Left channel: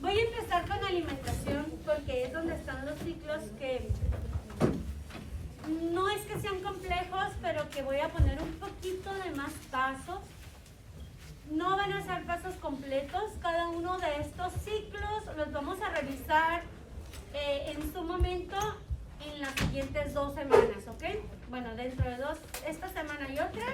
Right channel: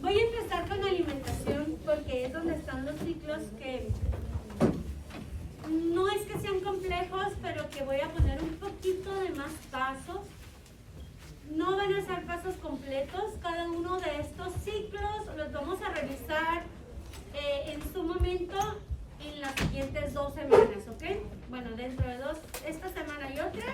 Voy a empezar con alimentación porque es donde están los ciclos que no es que sean complejos, pero que voy a poner un poquito de más pasos. No van a ser pasos completos, cada uno de estos ciclos los vamos a revisar en su momento en las siguientes 2 semanas, ¿ok? Bueno, dentro de esta semana y otra,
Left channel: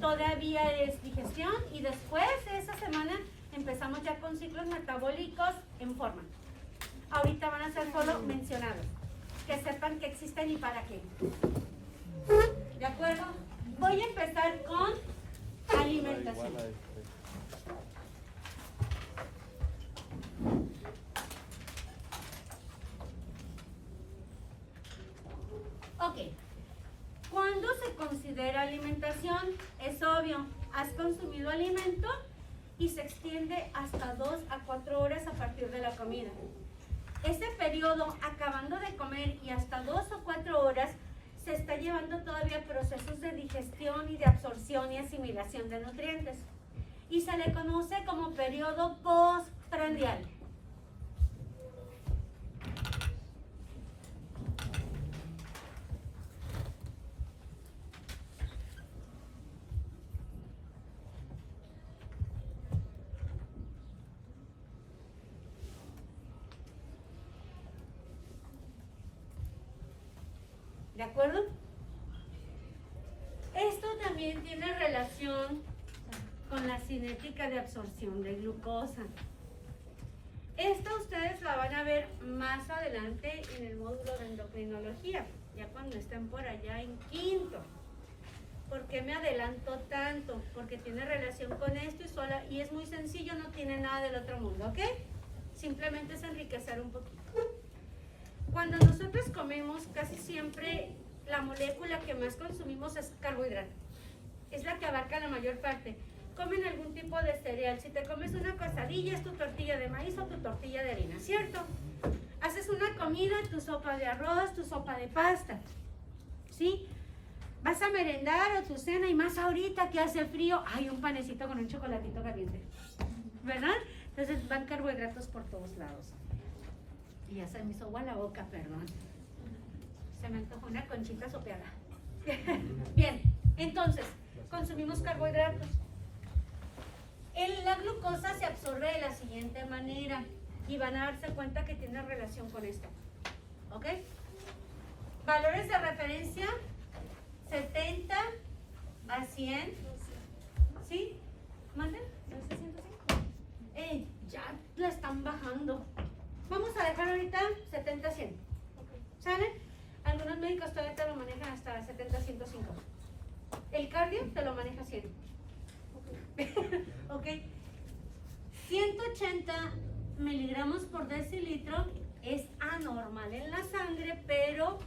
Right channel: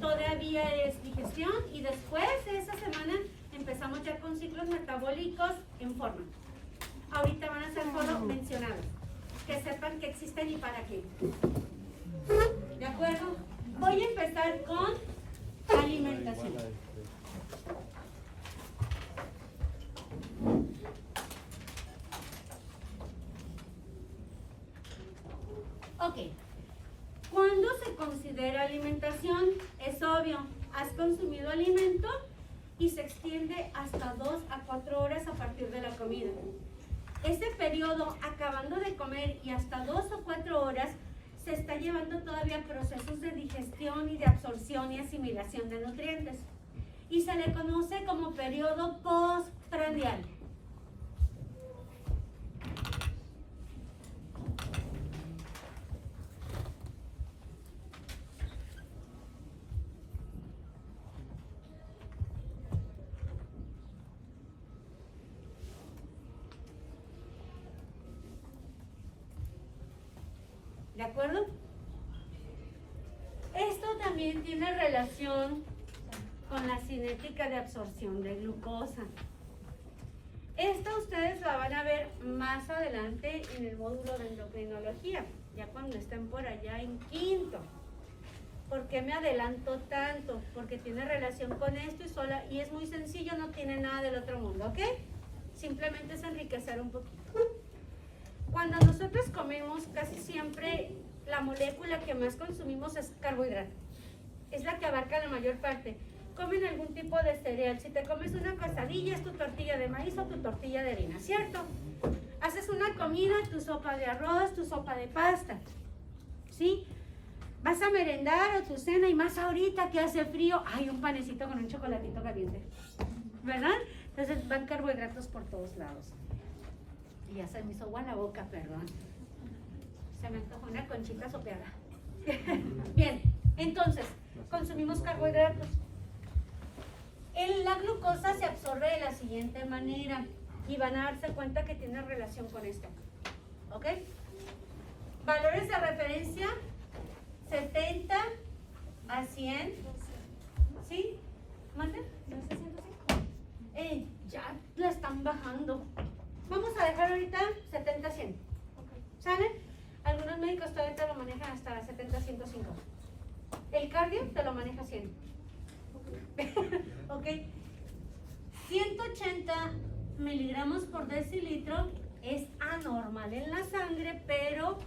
todavía es digestión y después de esa semana empezamos ya con ciclos metabólicos en forma. Ahorita van a ser solo mencionados, que sepan que existen y para qué. ¿De acuerdo? Voy a empezar con alimentación. Ok. ¿Cuándo se considera alimentación? Es obvio, has consumido alimento y se extiende hasta 2 a 4 horas a partir de la comida. Ese periodo, acabando de comer y hasta 2 o 4 horas, se está llevando todavía procesos de digestión y de absorción y asimilación de nutrientes. Y se le conoce como periodo postprandial. ¿De acuerdo? Esto también tiene relación con la cinética de absorción de glucosa. Esta ustedes la van a ver más adelante en el módulo de endocrinología, ya cuando estén por allá en quinto. ¿Por qué me adelanto tanto? Porque tiene relación con esto y es muy sencillo, no tiene nada del otro mundo, ¿ok? Simplemente es enriquecer un poquito. Cuando nosotros comemos, casi siempre la molécula que más consumimos es carbohidrato. Es la que abarca la mayor parte. Comen algún tipo de cereal. Si te comes una quesadilla, es tu tortilla de maíz o tu tortilla de harina, ¿cierto? Haces una comida, tu sopa de arroz, tu sopa de pasta, ¿sí? Vas a merendar o tu cena y más ahorita que hace frío, hay un panecito con un chocolatito caliente, ¿verdad? Entonces van carbohidratos por todos lados. Y ya se me hizo agua en la boca, perdón. Se me antojó una conchita sopeada. Bien, entonces, consumimos carbohidratos. La glucosa se absorbe de la siguiente manera y van a darse cuenta que tiene relación con esto. ¿Ok? Valores de referencia, 70 a 100. ¿Sí? ¿Manden? Ya la están bajando. Vamos a dejar ahorita 70 a 100. ¿Sale? Algunos médicos todavía te lo manejan hasta 70 a 105. El cardio te lo maneja 100. Ok. 180 miligramos por decilitro es anormal en la sangre, pero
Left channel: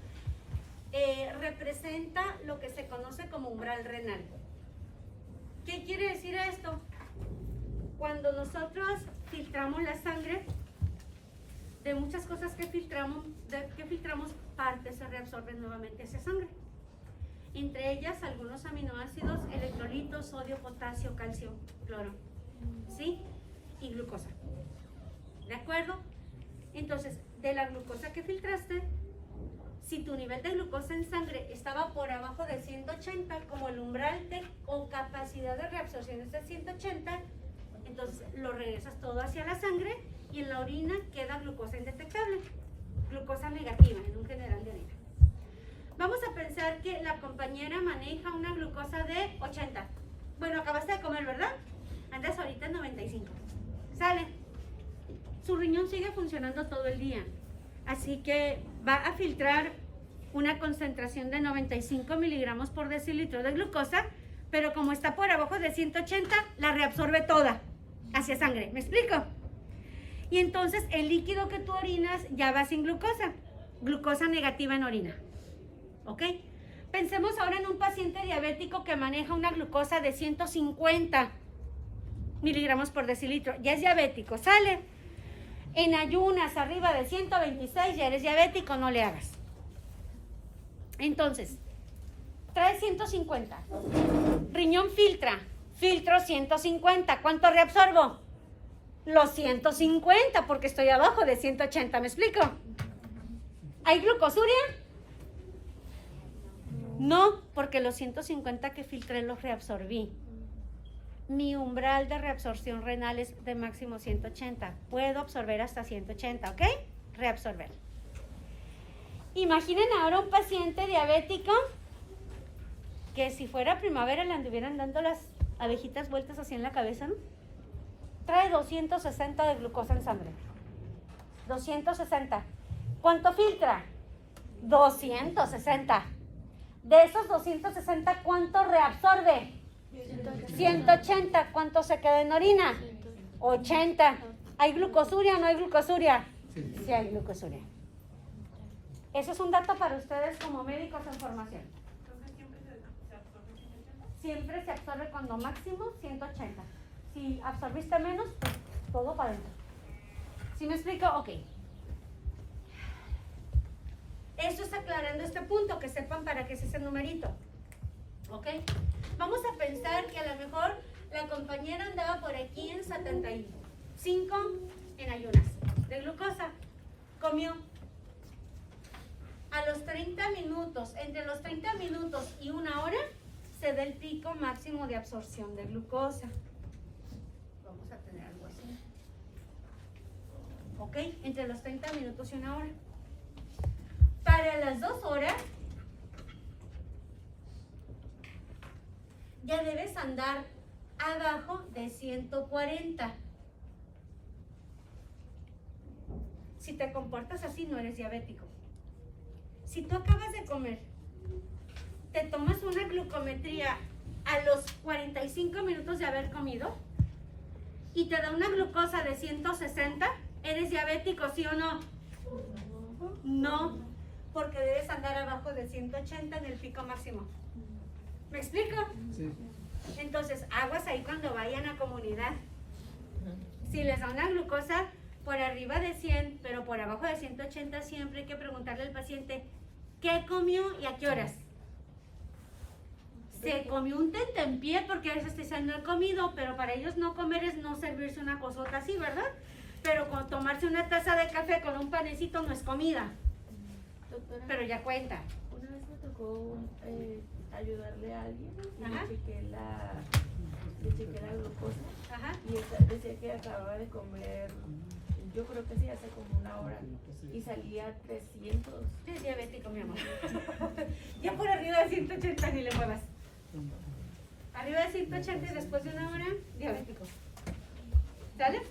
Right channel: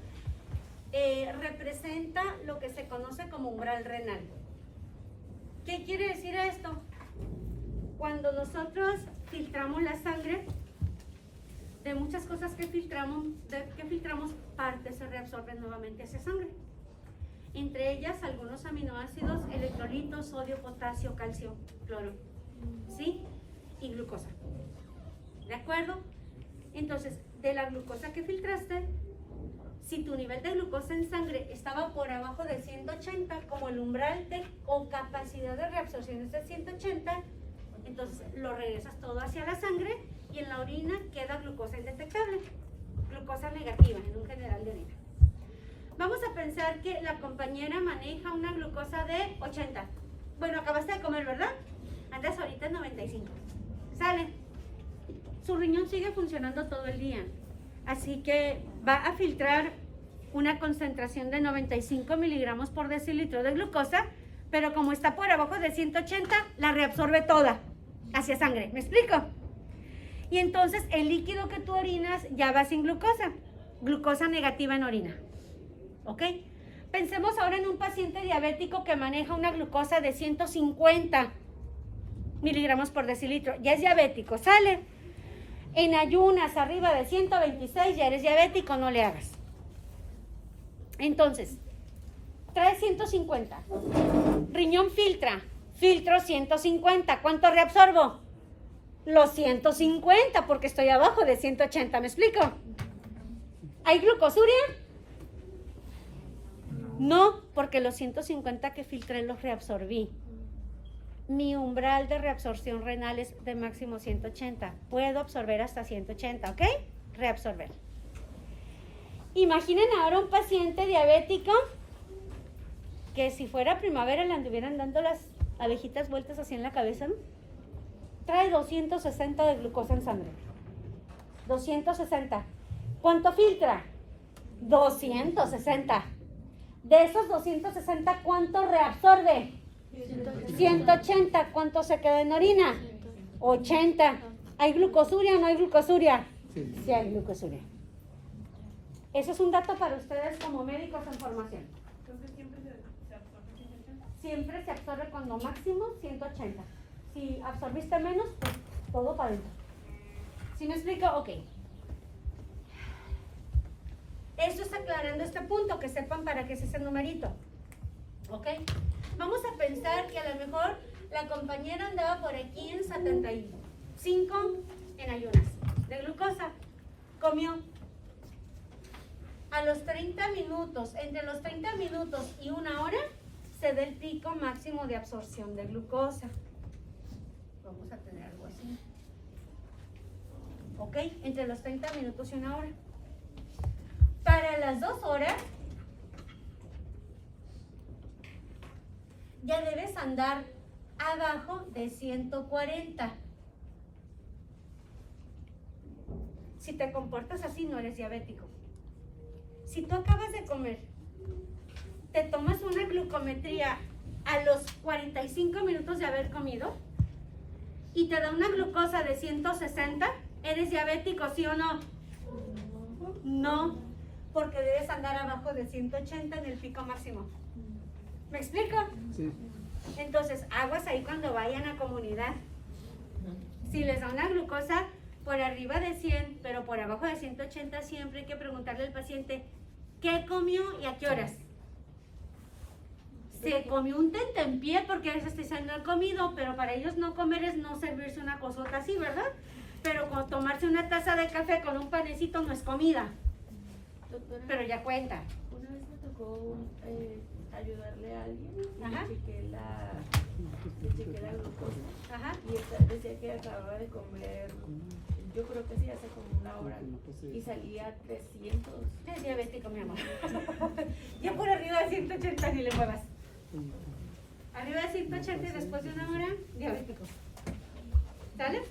representa lo que se conoce como umbral renal. ¿Qué quiere decir esto? Cuando nosotros filtramos la sangre, de muchas cosas que filtramos, partes se reabsorben nuevamente hacia sangre. Entre ellas algunos aminoácidos, electrolitos, sodio, potasio, calcio, cloro, ¿sí? Y glucosa. ¿De acuerdo? Entonces, de la glucosa que filtraste, si tu nivel de glucosa en sangre estaba por abajo de 180, como el umbral o capacidad de reabsorción es de 180, entonces lo regresas todo hacia la sangre y en la orina queda glucosa indetectable, glucosa negativa en un general de orina. Vamos a pensar que la compañera maneja una glucosa de 80. Bueno, acabaste de comer, ¿verdad? Andas ahorita en 95. Sale. Su riñón sigue funcionando todo el día. Así que va a filtrar una concentración de 95 miligramos por decilitro de glucosa, pero como está por abajo de 180, la reabsorbe toda hacia sangre. ¿Me explico? Y entonces el líquido que tú orinas ya va sin glucosa. Glucosa negativa en orina. ¿Ok? Pensemos ahora en un paciente diabético que maneja una glucosa de 150 miligramos por decilitro. Ya es diabético, sale. En ayunas arriba de 126 ya eres diabético, no le hagas. Entonces, trae 150. Riñón filtra. Filtro 150. ¿Cuánto reabsorbo? Los 150 porque estoy abajo de 180. ¿Me explico? ¿Hay glucosuria? No, porque los 150 que filtré los reabsorbí. Mi umbral de reabsorción renal es de máximo 180. Puedo absorber hasta 180, ¿ok? Reabsorber. Imaginen ahora un paciente diabético que si fuera primavera le anduvieran dando las abejitas vueltas así en la cabeza, ¿no? Trae 260 de glucosa en sangre. 260. ¿Cuánto filtra? 260. De esos 260, ¿cuánto reabsorbe? 180. ¿Cuánto se queda en orina? 80. ¿Hay glucosuria o no hay glucosuria? Sí hay glucosuria. Eso es un dato para ustedes como médicos en formación. Siempre se absorbe cuando máximo 180. Si absorbiste menos, todo para adentro. ¿Sí me explico? Ok. Eso es aclarando este punto, que sepan para qué es ese numerito. ¿Ok? Vamos a pensar que a lo mejor la compañera andaba por aquí en 75 en ayunas de glucosa. Comió. A los 30 minutos, entre los 30 minutos y una hora, se da el pico máximo de absorción de glucosa. Vamos a tener algo así. ¿Ok? Entre los 30 minutos y una hora. Para las 2 horas, ya debes andar abajo de 140. Si te comportas así, no eres diabético. Si tú acabas de comer, te tomas una glucometría a los 45 minutos de haber comido y te da una glucosa de 160, ¿eres diabético, sí o no? No, porque debes andar abajo de 180 en el pico máximo. ¿Me explico? Sí. Entonces, aguas ahí cuando vayan a comunidad. Si les da una glucosa por arriba de 100, pero por abajo de 180, siempre hay que preguntarle al paciente ¿qué comió y a qué horas? Se comió un tentempié porque a veces te dicen no he comido, pero para ellos no comer es no servirse una cosota así, ¿verdad? Pero con tomarse una taza de café con un panecito no es comida. Doctora, pero ya cuenta. Una vez me tocó ayudarle a alguien y Ajá. le chequé la glucosa. Ajá. Y decía que acababa de comer, yo creo que sí, hace como una hora, y salía a 300. Es diabético, mi amor. Ya por arriba de 180 ni le muevas. Arriba de 180 y después de una hora, diabético. ¿Sale?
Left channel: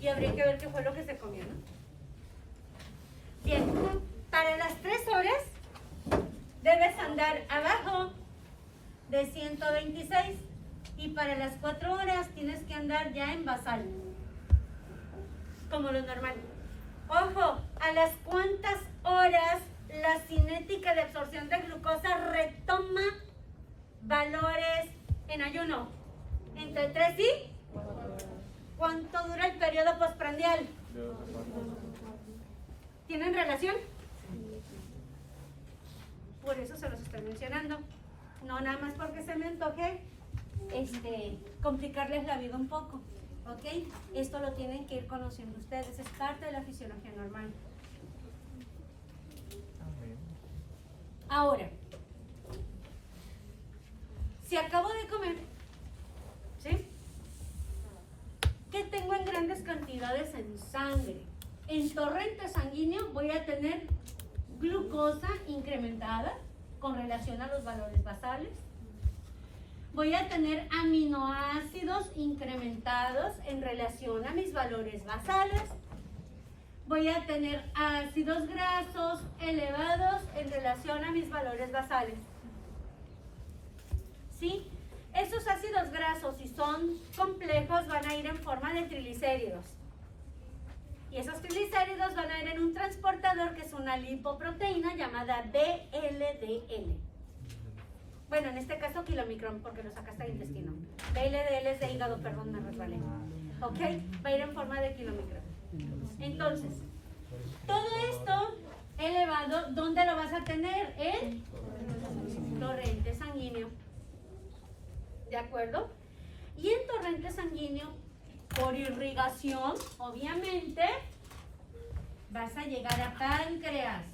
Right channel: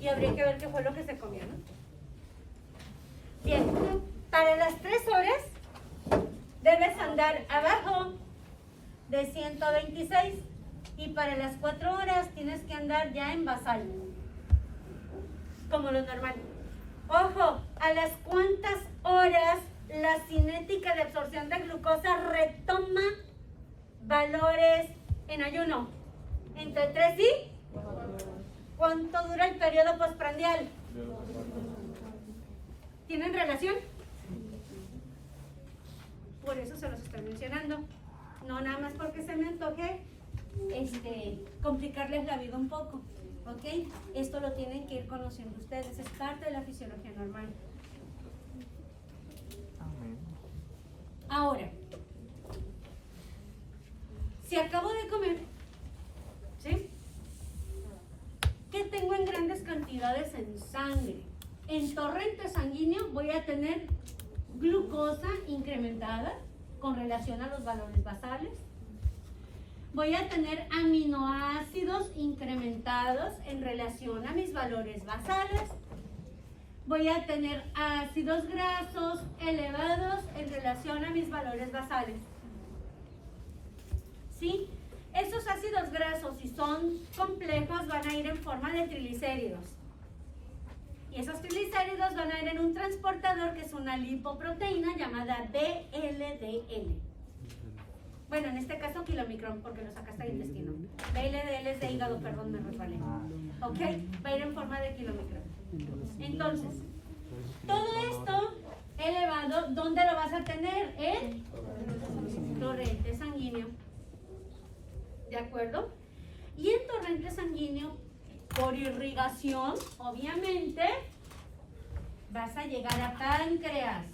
Y habría que ver qué fue lo que se comió, ¿no? Bien, para las 3 horas debes andar abajo de 126 y para las 4 horas tienes que andar ya en basal, como lo normal. Ojo, ¿a las cuántas horas la cinética de absorción de glucosa retoma valores en ayuno? ¿Entre 3 y? ¿Cuánto dura el periodo postprandial? ¿Tienen relación? Por eso se los estoy mencionando. No nada más porque se me antoje complicarles la vida un poco. ¿Ok? Esto lo tienen que ir conociendo ustedes. Es parte de la fisiología normal. Ahora, si acabo de comer, ¿sí? ¿Qué tengo en grandes cantidades en sangre? En torrente sanguíneo voy a tener glucosa incrementada con relación a los valores basales. Voy a tener aminoácidos incrementados en relación a mis valores basales. Voy a tener ácidos grasos elevados en relación a mis valores basales. ¿Sí? Esos ácidos grasos, si son complejos, van a ir en forma de triglicéridos. Y esos triglicéridos van a ir en un transportador que es una lipoproteína llamada VLDL. Bueno, en este caso kilomicrón, porque lo sacaste del intestino. VLDL es de hígado, perdón, me resbalé. ¿Ok? Va a ir en forma de kilomicrón. Entonces, todo esto elevado, ¿dónde lo vas a tener? En torrente sanguíneo. ¿De acuerdo? Y en torrente sanguíneo, por irrigación, obviamente, vas a llegar a páncreas.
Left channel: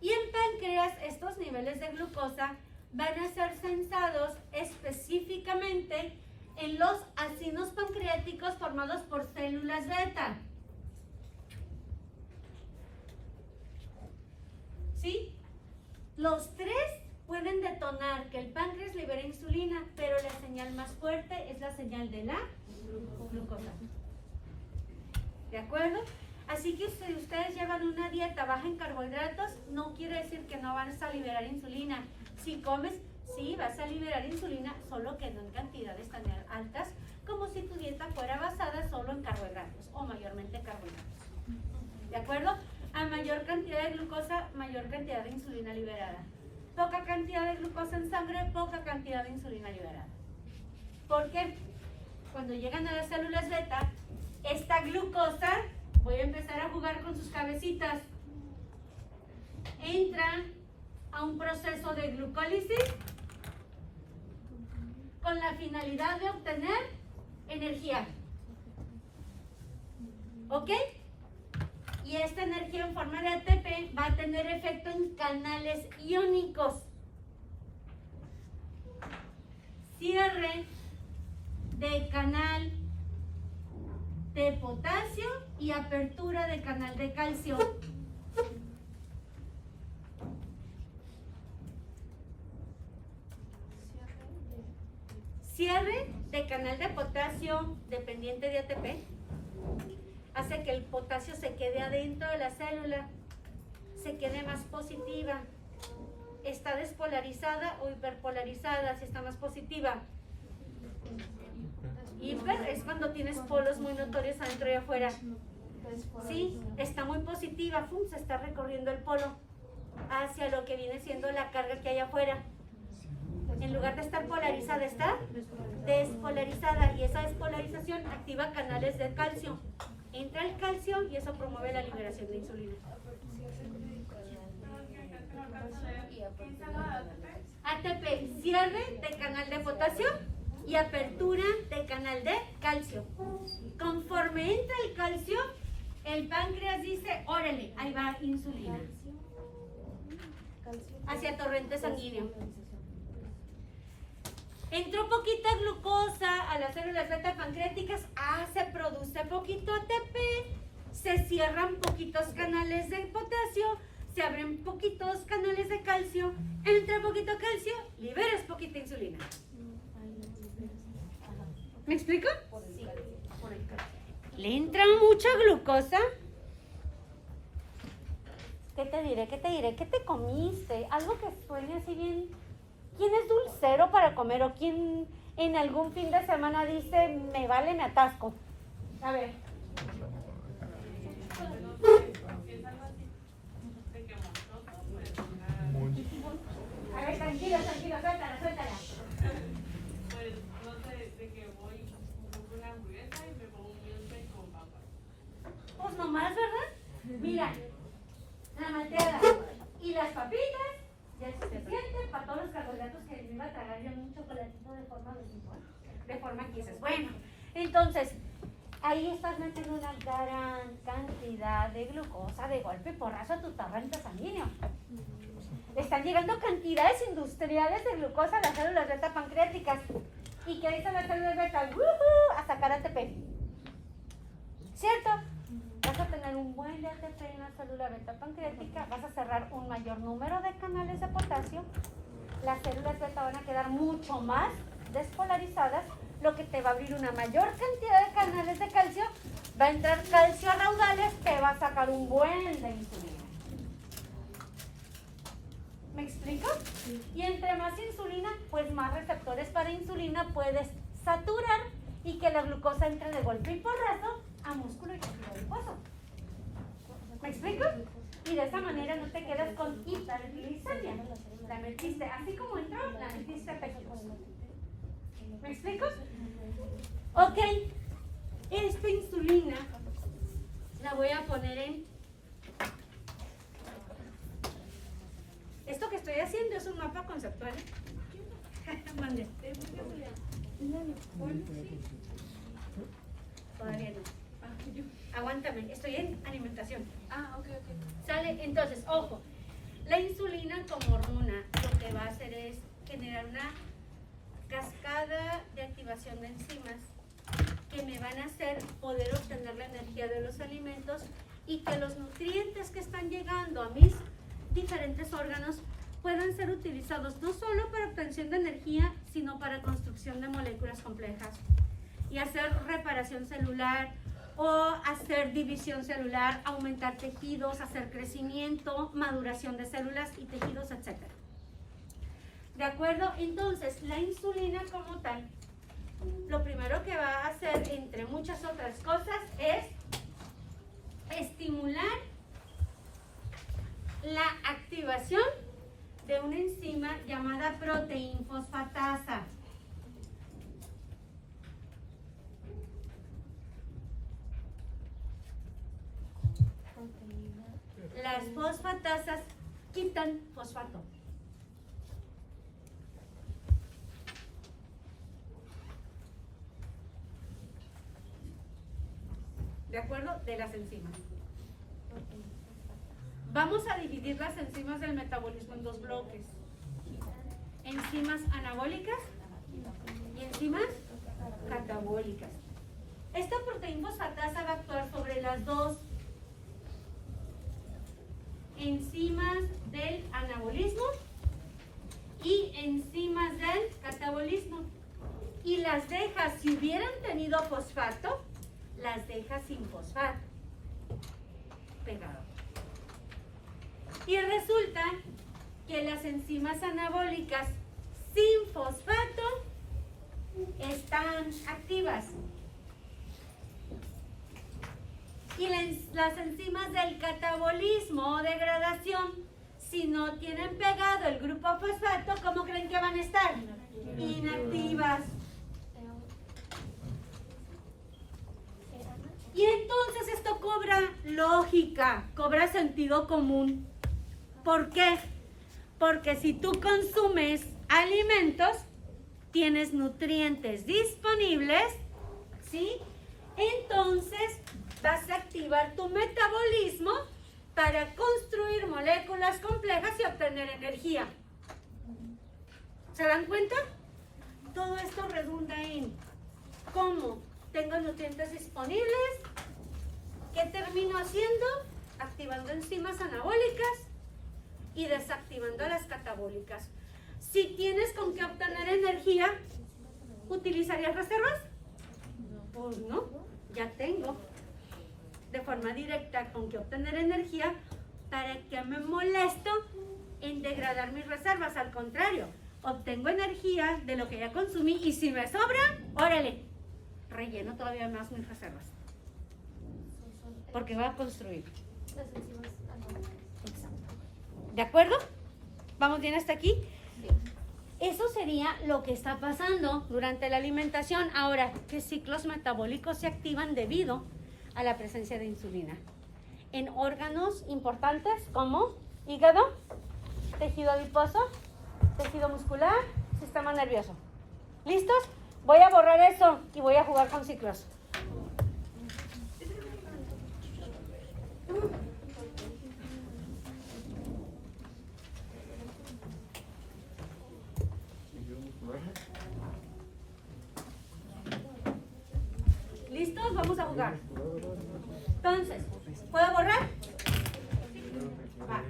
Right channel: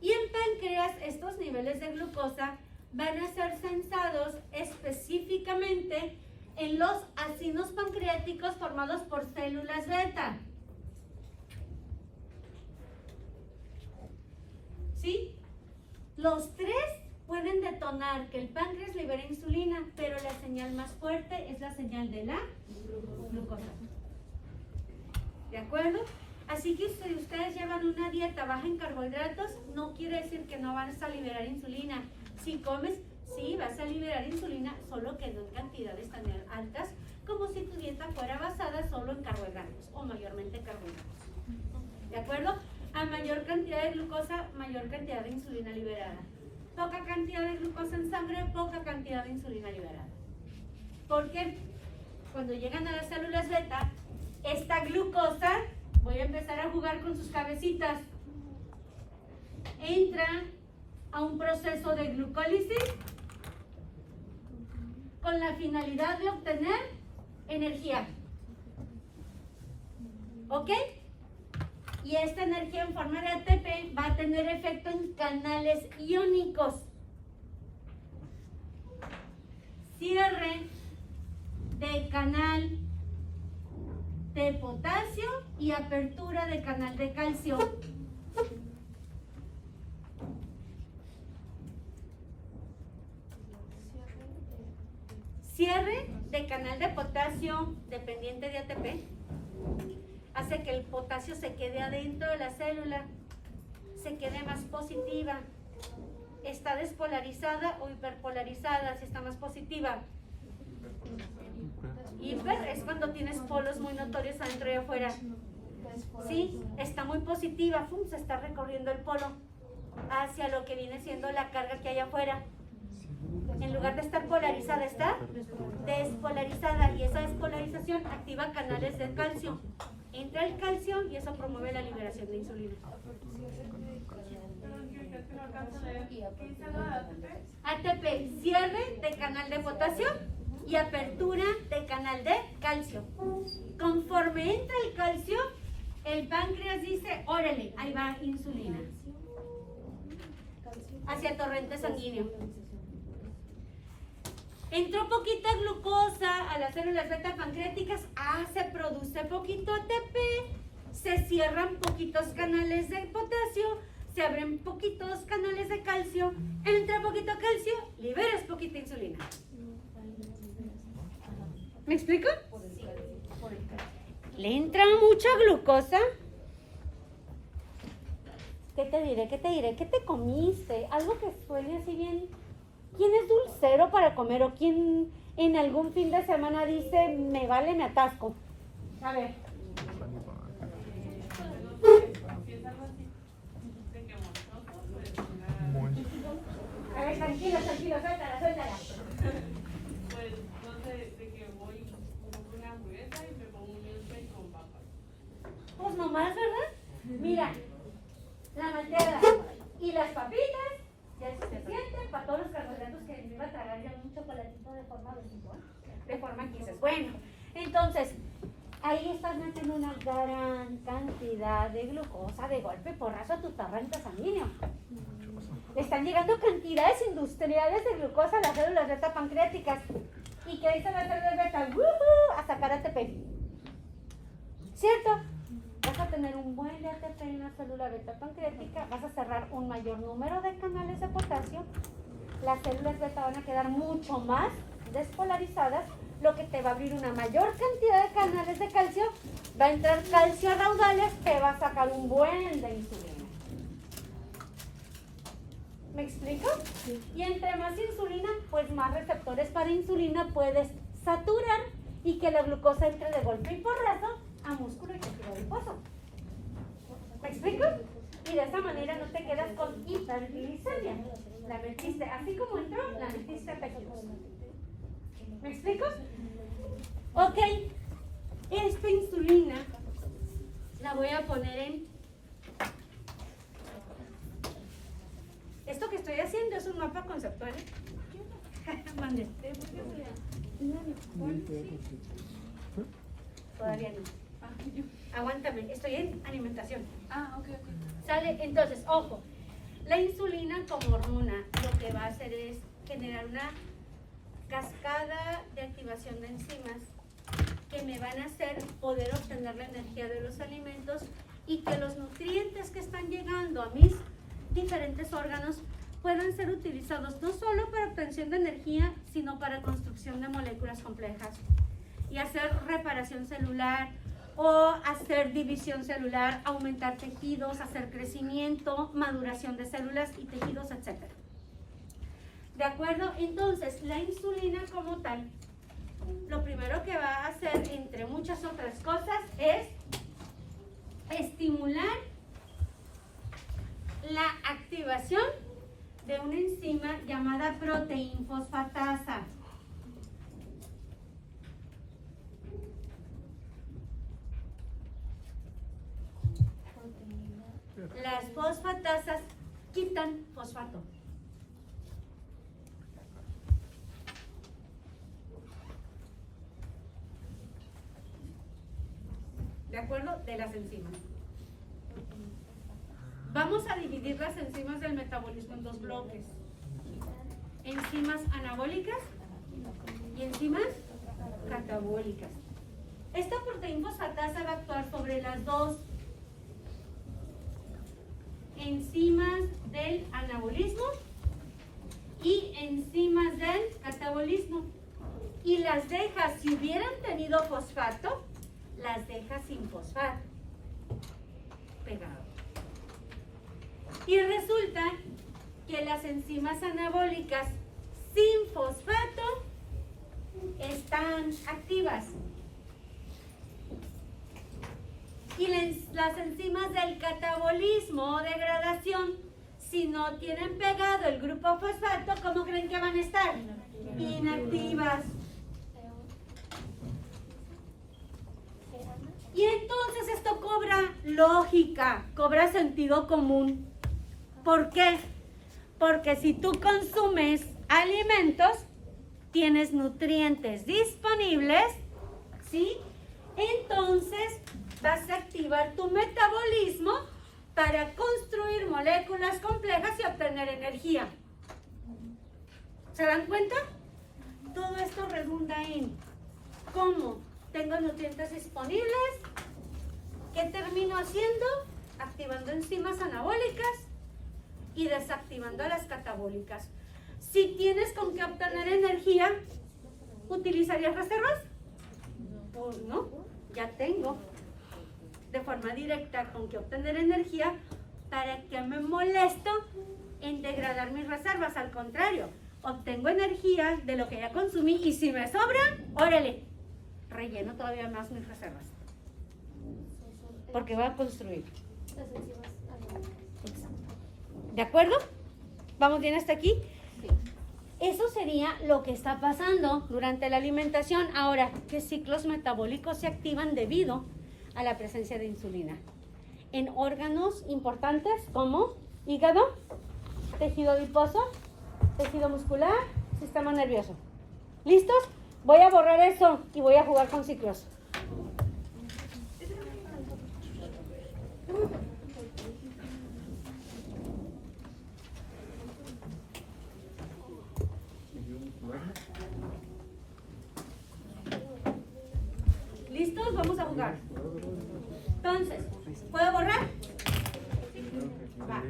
Y en páncreas, estos niveles de glucosa van a ser censados específicamente en los acinos pancreáticos formados por células beta. ¿Sí? Los tres pueden detonar que el páncreas libere insulina, pero la señal más fuerte es la señal de la glucosa. ¿De acuerdo? Así que si ustedes llevan una dieta baja en carbohidratos, no quiere decir que no vas a liberar insulina. Si comes, sí vas a liberar insulina, solo que no en cantidades tan altas como si tu dieta fuera basada solo en carbohidratos o mayormente carbohidratos. ¿De acuerdo? A mayor cantidad de glucosa, mayor cantidad de insulina liberada. Poca cantidad de glucosa en sangre, poca cantidad de insulina liberada. ¿Por qué? Cuando llegan a las células beta, esta glucosa, voy a empezar a jugar con sus cabecitas, entra a un proceso de glucólisis con la finalidad de obtener energía. ¿Ok? Y esta energía en forma de ATP va a tener efecto en canales iónicos. Cierre de canal de potasio y apertura de canal de calcio. Cierre de canal de potasio dependiente de ATP hace que el potasio se quede adentro de la célula, se quede más positiva. Está despolarizada o hiperpolarizada, si está más positiva. Hiper es cuando tienes polos muy notorios adentro y afuera. Sí, está muy positiva, se está recorriendo el polo hacia lo que viene siendo la carga que hay afuera. En lugar de estar polarizada, está despolarizada, y esa despolarización activa canales de calcio. Entra el calcio y eso promueve la liberación de insulina. ATP, cierre de canal de potasio y apertura de canal de calcio. Conforme entra el calcio, el páncreas dice, órale, ahí va insulina. Hacia el torrente sanguíneo. Entró poquita glucosa a las células beta pancreáticas, se produce poquito ATP, se cierran poquitos canales de potasio, se abren poquitos canales de calcio, entra poquito calcio, liberas poquita insulina. ¿Me explico? ¿Le entra mucha glucosa? ¿Qué te diré? ¿Qué te diré? ¿Qué te comiste? Algo que suene así bien. ¿Quién es dulcero para comer? ¿O quién en algún fin de semana dice, me vale, me atasco? A ver. A ver, tranquilo, suéltala. Pues, no sé, de que voy con una hamburguesa y me pongo un milkshake con papas. Pues nomás, ¿verdad? Mira, la malteada y las papitas ya es suficiente para todos los carbohidratos que me iba a tragar yo un chocolatito de forma residual. De forma que dices, bueno, entonces, ahí estás metiendo una gran cantidad de glucosa de golpe porrazo a tu torrente sanguíneo. Están llegando cantidades industriales de glucosa a las células beta pancreáticas. ¿Y qué dicen las células beta? A sacar ATP. ¿Cierto? Vas a tener un buen de ATP en la célula beta pancreática, vas a cerrar un mayor número de canales de potasio, las células beta van a quedar mucho más despolarizadas, lo que te va a abrir una mayor cantidad de canales de calcio, va a entrar calcio a raudales, te va a sacar un buen de insulina. ¿Me explico? Y entre más insulina, pues más receptores para insulina puedes saturar y que la glucosa entre de golpe y porrazo a músculo y tejido adiposo. ¿Me explico? Y de esa manera no te quedas con hiperglicemia. La metiste, así como entró, la metiste a tejidos. ¿Me explico? Ok, esta insulina la voy a poner en... Esto que estoy haciendo es un mapa conceptual. Mande. Todavía no. Aguántame, estoy en alimentación. Ok. ¿Sale? Entonces, ojo, la insulina como hormona lo que va a hacer es generar una cascada de activación de enzimas que me van a hacer poder obtener la energía de los alimentos y que los nutrientes que están llegando a mis diferentes órganos puedan ser utilizados no solo para obtención de energía, sino para construcción de moléculas complejas y hacer reparación celular o hacer división celular, aumentar tejidos, hacer crecimiento, maduración de células y tejidos, etc. ¿De acuerdo? Entonces, la insulina como tal, lo primero que va a hacer, entre muchas otras cosas, es estimular la activación de una enzima llamada proteinfosfatasa. Las fosfatasas quitan fosfato. ¿De acuerdo? De las enzimas. Vamos a dividir las enzimas del metabolismo en dos bloques. Enzimas anabólicas y enzimas catabólicas. Esta proteinfosfatasa va a actuar sobre las dos enzimas del anabolismo y enzimas del catabolismo. Y las deja, si hubieran tenido fosfato, las deja sin fosfato. Pegado. Y resulta que las enzimas anabólicas sin fosfato están activas. Y las enzimas del catabolismo o degradación, si no tienen pegado el grupo fosfato, ¿cómo creen que van a estar? Inactivas. Y entonces esto cobra lógica, cobra sentido común. ¿Por qué? Porque si tú consumes alimentos, tienes nutrientes disponibles, ¿sí? Entonces vas a activar tu metabolismo para construir moléculas complejas y obtener energía. ¿Se dan cuenta? Todo esto redunda en cómo tengo nutrientes disponibles, ¿qué termino haciendo? Activando enzimas anabólicas y desactivando las catabólicas. Si tienes con qué obtener energía, ¿utilizarías reservas? Pues no, ya tengo de forma directa con qué obtener energía. ¿Para qué me molesto en degradar mis reservas? Al contrario, obtengo energía de lo que ya consumí y si me sobra, órale, relleno todavía más mis reservas. Porque va a construir. ¿De acuerdo? ¿Vamos bien hasta aquí? Eso sería lo que está pasando durante la alimentación. Ahora, ¿qué ciclos metabólicos se activan debido a la presencia de insulina? En órganos importantes como hígado, tejido adiposo, tejido muscular, sistema nervioso. ¿Listos? Voy a borrar eso y voy a jugar con ciclos. ¿Listos? Vamos a jugar. Entonces, ¿puedo borrar? Va.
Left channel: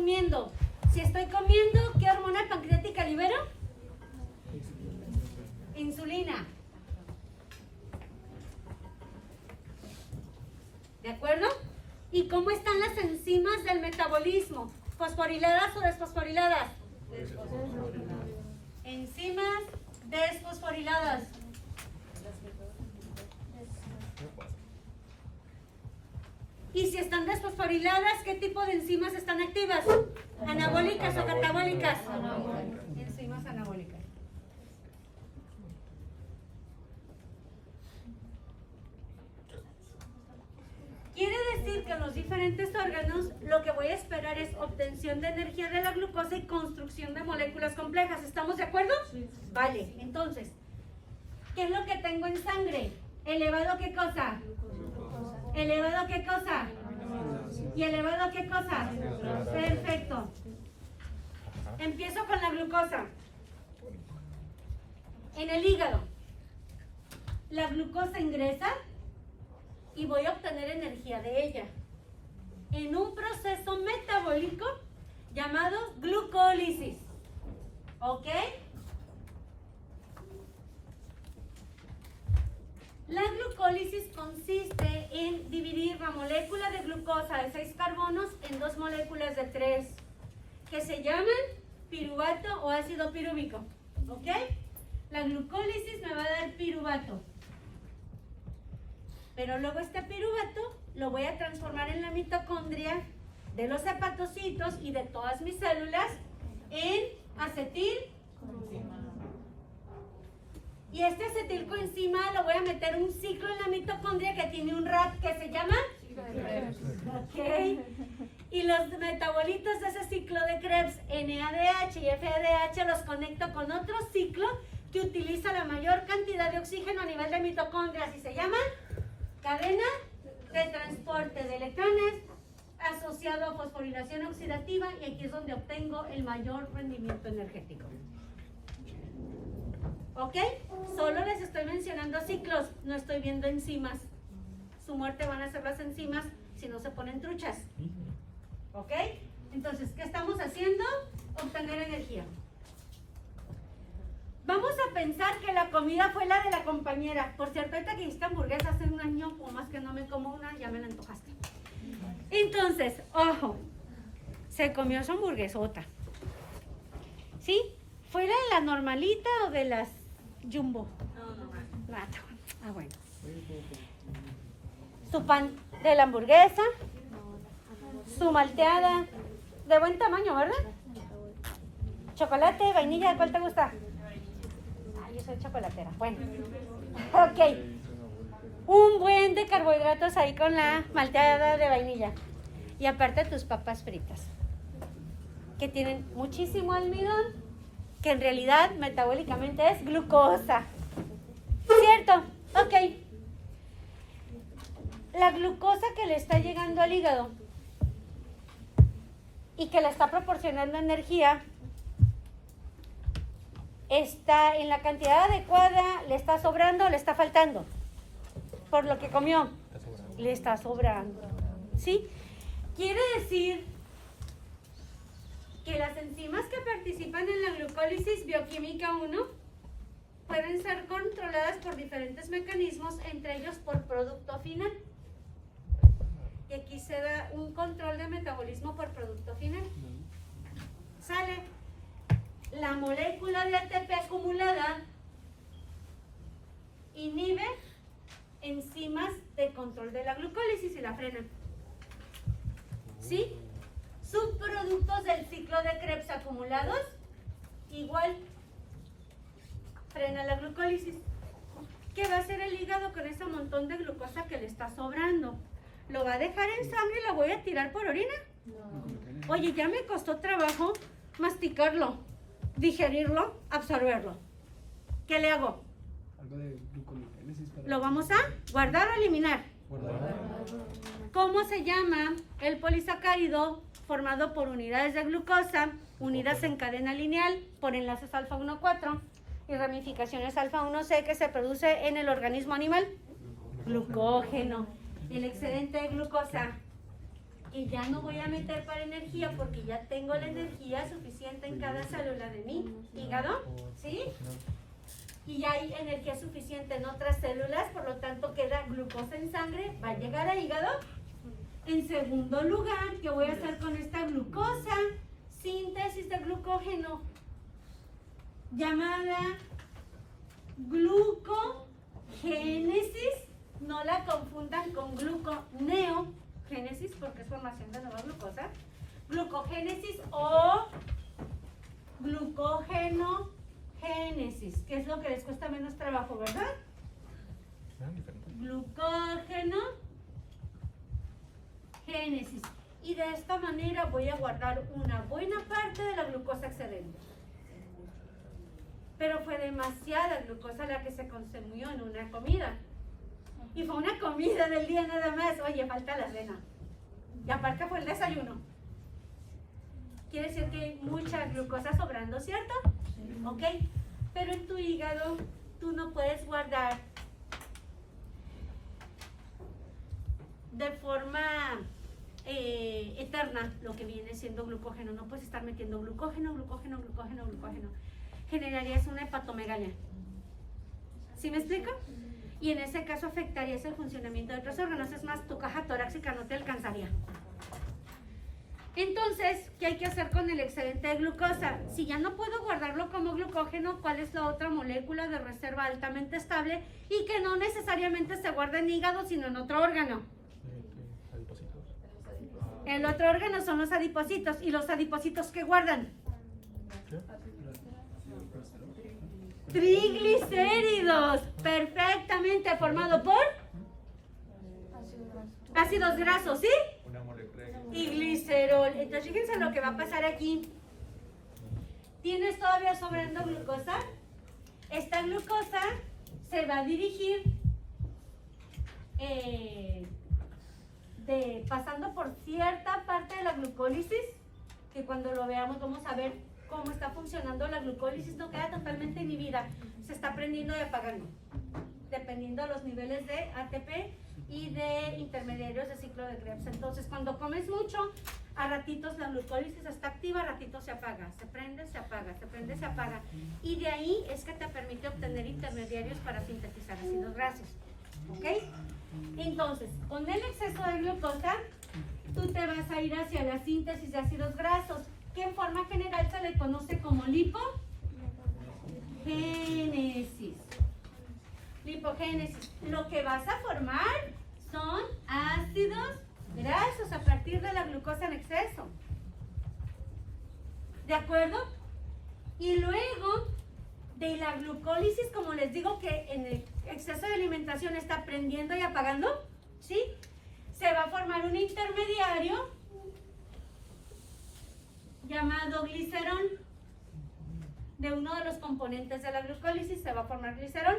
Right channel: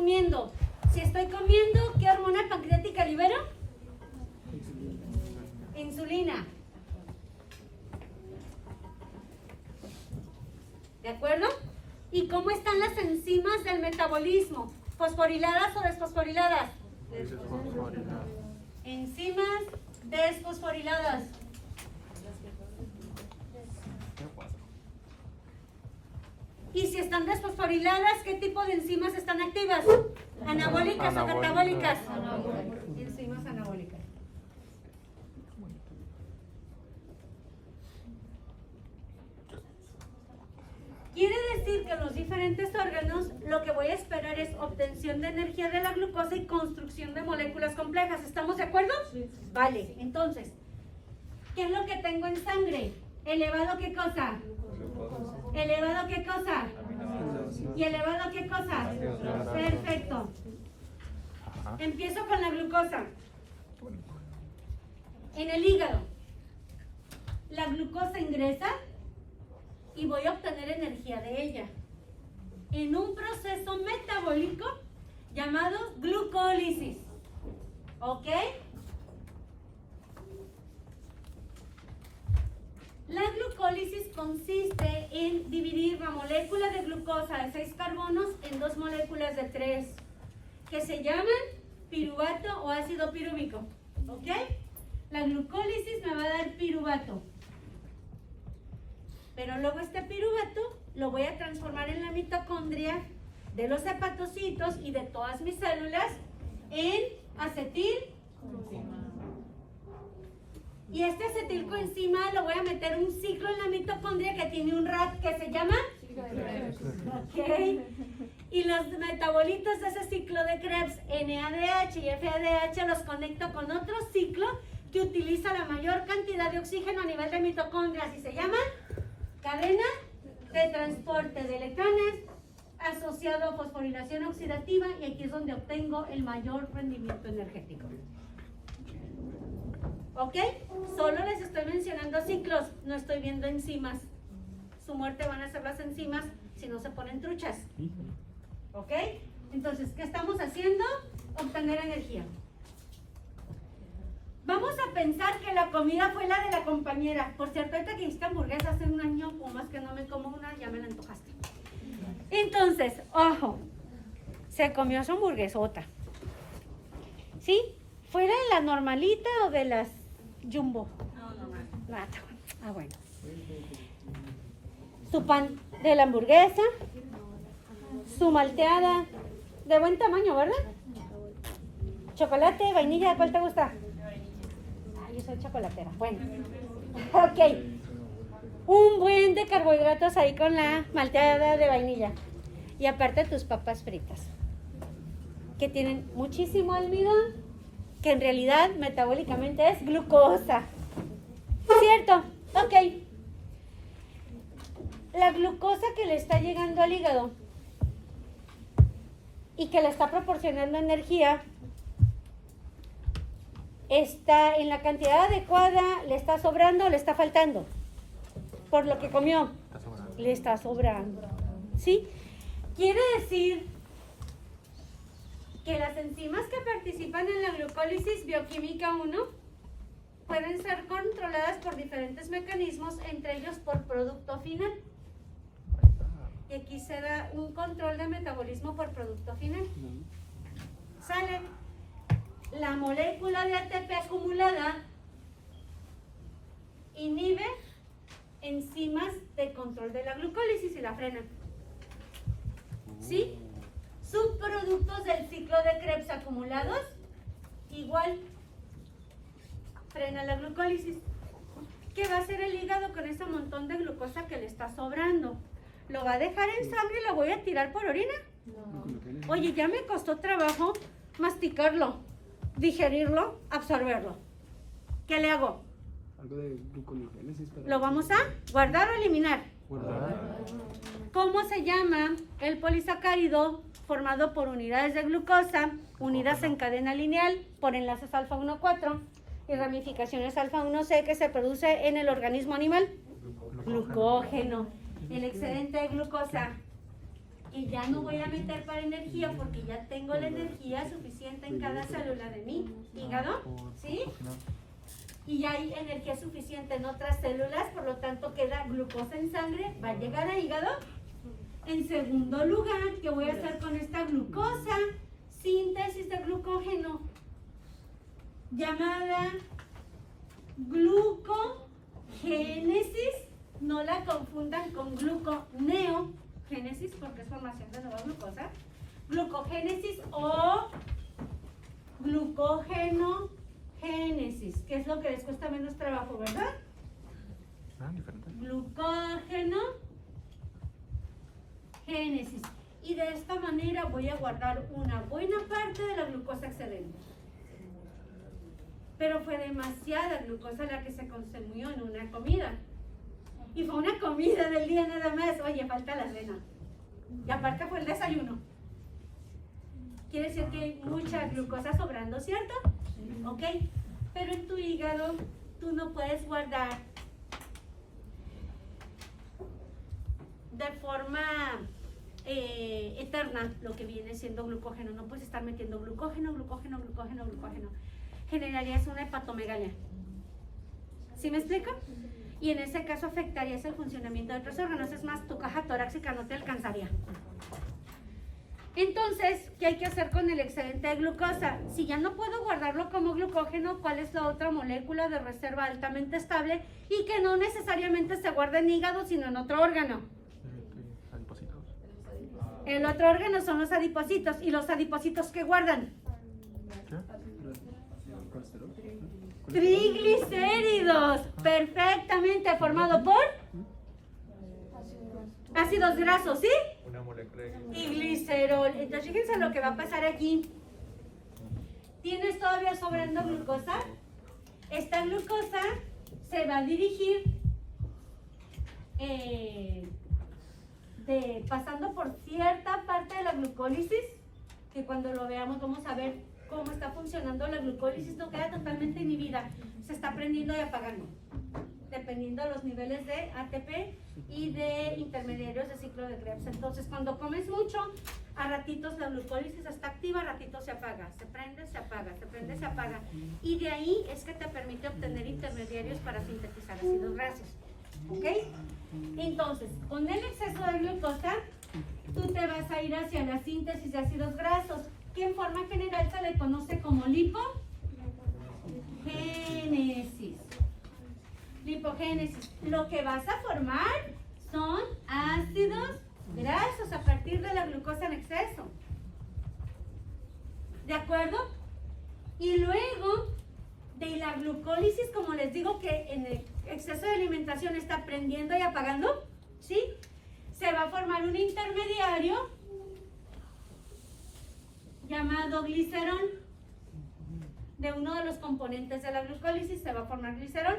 resumiendo, si estoy comiendo, ¿qué hormona pancreática libero? Insulina. ¿De acuerdo? ¿Y cómo están las enzimas del metabolismo? ¿Fosforiladas o desfosforiladas? Enzimas desfosforiladas. Y si están desfosforiladas, ¿qué tipo de enzimas están activas? ¿Anabólicas o catabólicas? Enzimas anabólicas. Quiere decir que en los diferentes órganos lo que voy a esperar es obtención de energía de la glucosa y construcción de moléculas complejas. ¿Estamos de acuerdo? Sí. Vale, entonces, ¿qué es lo que tengo en sangre? ¿Elevado qué cosa? ¿Elevado qué cosa? ¿Y elevado qué cosa? Perfecto. Empiezo con la glucosa. En el hígado, la glucosa ingresa y voy a obtener energía de ella en un proceso metabólico llamado glucólisis. ¿Ok? La glucólisis consiste en dividir la molécula de glucosa de 6 carbonos en 2 moléculas de 3, que se llaman piruvato o ácido pirúvico. ¿Ok? La glucólisis me va a dar piruvato. Pero luego este piruvato lo voy a transformar en la mitocondria de los hepatocitos y de todas mis células en acetil. Y este acetilcoenzima lo voy a meter un ciclo en la mitocondria que tiene un RAT que se llama. Ok. Y los metabolitos de ese ciclo de Krebs, NADH y FADH, los conecto con otro ciclo que utiliza la mayor cantidad de oxígeno a nivel de mitocondrias y se llama cadena de transporte de electrones asociado a fosforilación oxidativa, y aquí es donde obtengo el mayor rendimiento energético. ¿Ok? Solo les estoy mencionando ciclos, no estoy viendo enzimas. Su muerte van a ser las enzimas si no se ponen truchas. ¿Ok? Entonces, ¿qué estamos haciendo? Obtener energía. Vamos a pensar que la comida fue la de la compañera. Por cierto, ahorita que hiciste hamburguesa hace un año o más que no me como una, ya me la antojaste. Entonces, ojo, se comió su hamburguesota. ¿Sí? ¿Fue de la normalita o de las jumbo? No. Ah, bueno. Su pan de la hamburguesa, su malteada, de buen tamaño, ¿verdad? Chocolate, vainilla, ¿cuál te gusta? Yo soy chocolatera. Bueno, ok. Un buen de carbohidratos ahí con la malteada de vainilla. Y aparte tus papas fritas, que tienen muchísimo almidón, que en realidad metabólicamente es glucosa. ¿Cierto? Ok. La glucosa que le está llegando al hígado y que le está proporcionando energía está en la cantidad adecuada, le está sobrando o le está faltando. Por lo que comió, le está sobrando. ¿Sí? Quiere decir que las enzimas que participan en la glucólisis bioquímica 1 pueden ser controladas por diferentes mecanismos, entre ellos por producto final. Y aquí se da un control de metabolismo por producto final. Sale la molécula de ATP acumulada, inhibe enzimas de control de la glucólisis y la frena. ¿Sí? Subproductos del ciclo de Krebs acumulados, igual, frena la glucólisis. ¿Qué va a hacer el hígado con ese montón de glucosa que le está sobrando? ¿Lo va a dejar en sangre y lo voy a tirar por orina? No. Oye, ya me costó trabajo masticarlo, digerirlo, absorberlo. ¿Qué le hago? Algo de gluconeogénesis. ¿Lo vamos a guardar o eliminar? Guardar. ¿Cómo se llama el polisacárido formado por unidades de glucosa unidas en cadena lineal por enlaces alfa 1,4 y ramificaciones alfa 1C que se produce en el organismo animal? Glucógeno. El excedente de glucosa y ya no voy a meter para energía porque ya tengo la energía suficiente en cada célula de mi hígado, ¿sí? Y ya hay energía suficiente en otras células, por lo tanto queda glucosa en sangre, va a llegar al hígado. En segundo lugar, ¿qué voy a hacer con esta glucosa? Síntesis de glucógeno, llamada glucogénesis. No la confundan con gluconeogénesis porque es formación de nueva glucosa. Glucogénesis o glucógenogénesis, que es lo que les cuesta menos trabajo, ¿verdad? Glucógenogénesis. Y de esta manera voy a guardar una buena parte de la glucosa excedente. Pero fue demasiada glucosa la que se consumió en una comida. Y fue una comida del día nada más. Oye, falta la cena. Y aparte fue el desayuno. Quiere decir que hay mucha glucosa sobrando, ¿cierto? ¿Ok? Pero en tu hígado tú no puedes guardar de forma eterna lo que viene siendo glucógeno. No puedes estar metiendo glucógeno. Generarías una hepatomegalia. ¿Sí me explico? Y en ese caso afectarías el funcionamiento de otros órganos. Es más, tu caja torácica no te alcanzaría. Entonces, ¿qué hay que hacer con el excedente de glucosa? Si ya no puedo guardarlo como glucógeno, ¿cuál es la otra molécula de reserva altamente estable y que no necesariamente se guarda en hígado, sino en otro órgano? El otro órgano son los adipocitos. ¿Y los adipocitos qué guardan? Triglicéridos, perfectamente formado por ácidos grasos, ¿sí? Y glicerol. Entonces fíjense lo que va a pasar aquí. ¿Tienes todavía sobrando glucosa? Esta glucosa se va a dirigir pasando por cierta parte de la glucólisis, que cuando lo veamos vamos a ver cómo está funcionando la glucólisis. No queda totalmente inhibida, se está prendiendo y apagando dependiendo de los niveles de ATP y de intermediarios de ciclo de Krebs. Entonces cuando comes mucho, a ratitos la glucólisis está activa, a ratitos se apaga, se prende, se apaga, se prende, se apaga, y de ahí es que te permite obtener intermediarios para sintetizar ácidos grasos. ¿Ok? Entonces, con el exceso de glucosa, tú te vas a ir hacia la síntesis de ácidos grasos, que en forma general se le conoce como lipogénesis. Lipogénesis. Lo que vas a formar son ácidos grasos a partir de la glucosa en exceso. ¿De acuerdo? Y luego de la glucólisis, como les digo que en el exceso de alimentación está prendiendo y apagando, ¿sí? Se va a formar un intermediario llamado glicerol. De uno de los componentes de la glucólisis se va a formar glicerol.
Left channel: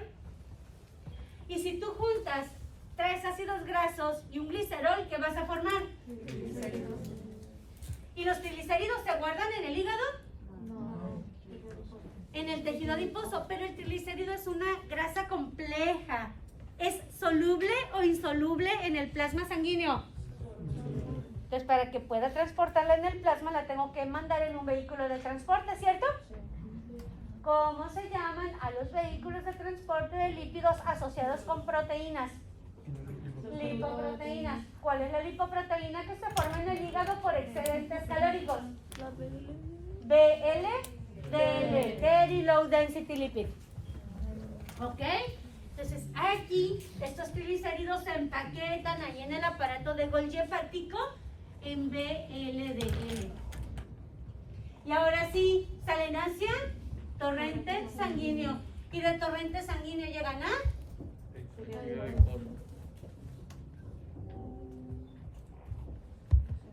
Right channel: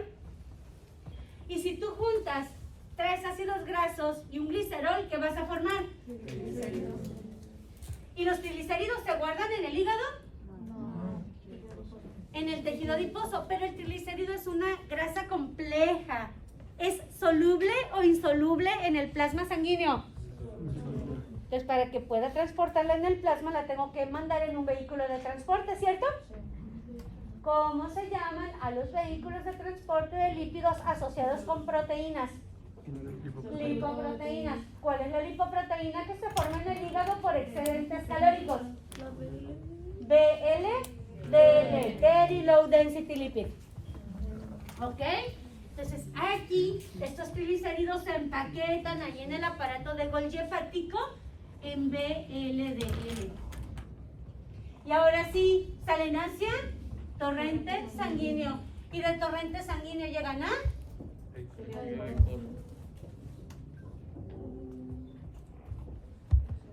Y si tú juntas 3 ácidos grasos y un glicerol, ¿qué vas a formar? Triglicéridos. ¿Y los triglicéridos se guardan en el hígado? No. En el tejido adiposo, pero el triglicérido es una grasa compleja. ¿Es soluble o insoluble en el plasma sanguíneo? Entonces, para que pueda transportarla en el plasma, la tengo que mandar en un vehículo de transporte, ¿cierto? ¿Cómo se llaman a los vehículos de transporte de lípidos asociados con proteínas? Lipoproteínas. ¿Cuál es la lipoproteína que se forma en el hígado por excedentes calóricos? DL, Very Low Density Lipid. ¿Ok? Entonces aquí estos triglicéridos se empaquetan ahí en el aparato de Golgi hepático en VLDL. Y ahora sí, salen hacia torrente sanguíneo. Y del torrente sanguíneo llegan a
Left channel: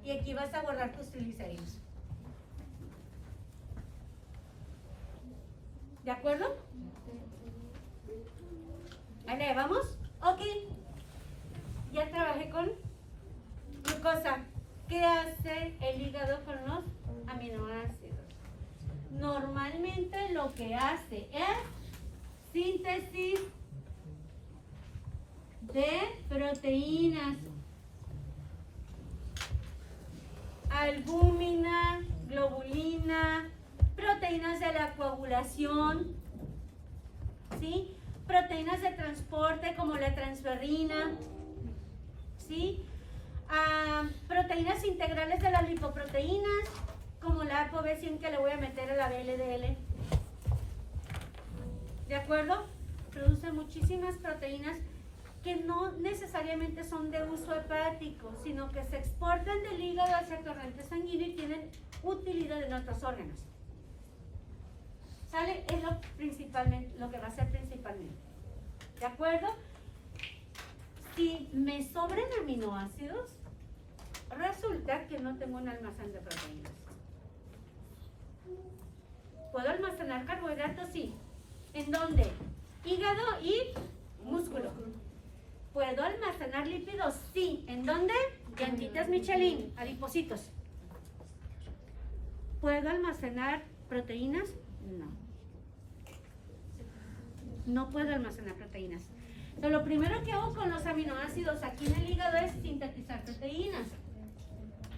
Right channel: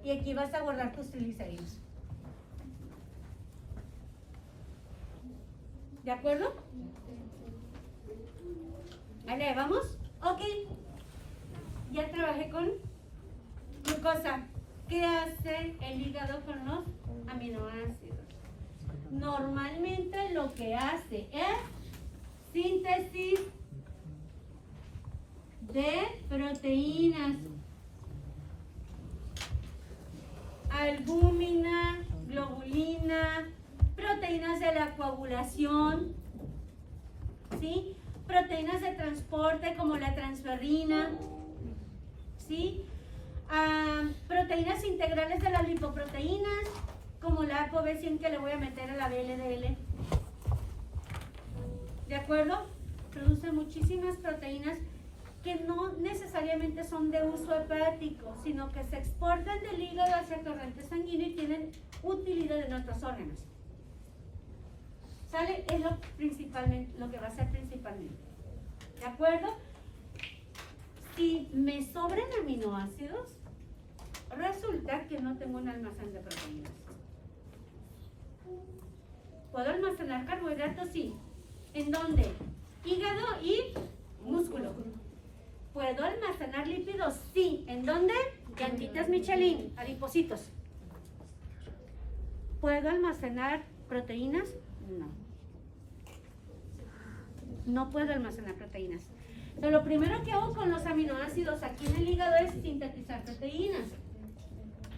y aquí vas a guardar tus triglicéridos. ¿De acuerdo? Vale, ¿vamos? Ok. Ya trabajé con glucosa. ¿Qué hace el hígado con los aminoácidos? Normalmente lo que hace es síntesis de proteínas. regulación, ¿sí? Proteínas de transporte como la transferrina, ¿sí? Proteínas integrales de las lipoproteínas como la ApoB100 que le voy a meter a la VLDL. ¿De acuerdo? Producen muchísimas proteínas que no necesariamente son de uso hepático, sino que se exportan del hígado hacia el torrente sanguíneo y tienen utilidad en otros órganos. ¿Sale? Es lo que va a ser principalmente. ¿De acuerdo? Si me sobran aminoácidos, resulta que no tengo un almacén de proteínas. ¿Puedo almacenar carbohidratos? Sí. ¿En dónde? Hígado y músculo. ¿Puedo almacenar lípidos? Sí. ¿En dónde? Llantitas Michelin, adipocitos. ¿Puedo almacenar proteínas? No. No puedo almacenar proteínas. Entonces, lo primero que hago con los aminoácidos aquí en el hígado es sintetizar proteínas.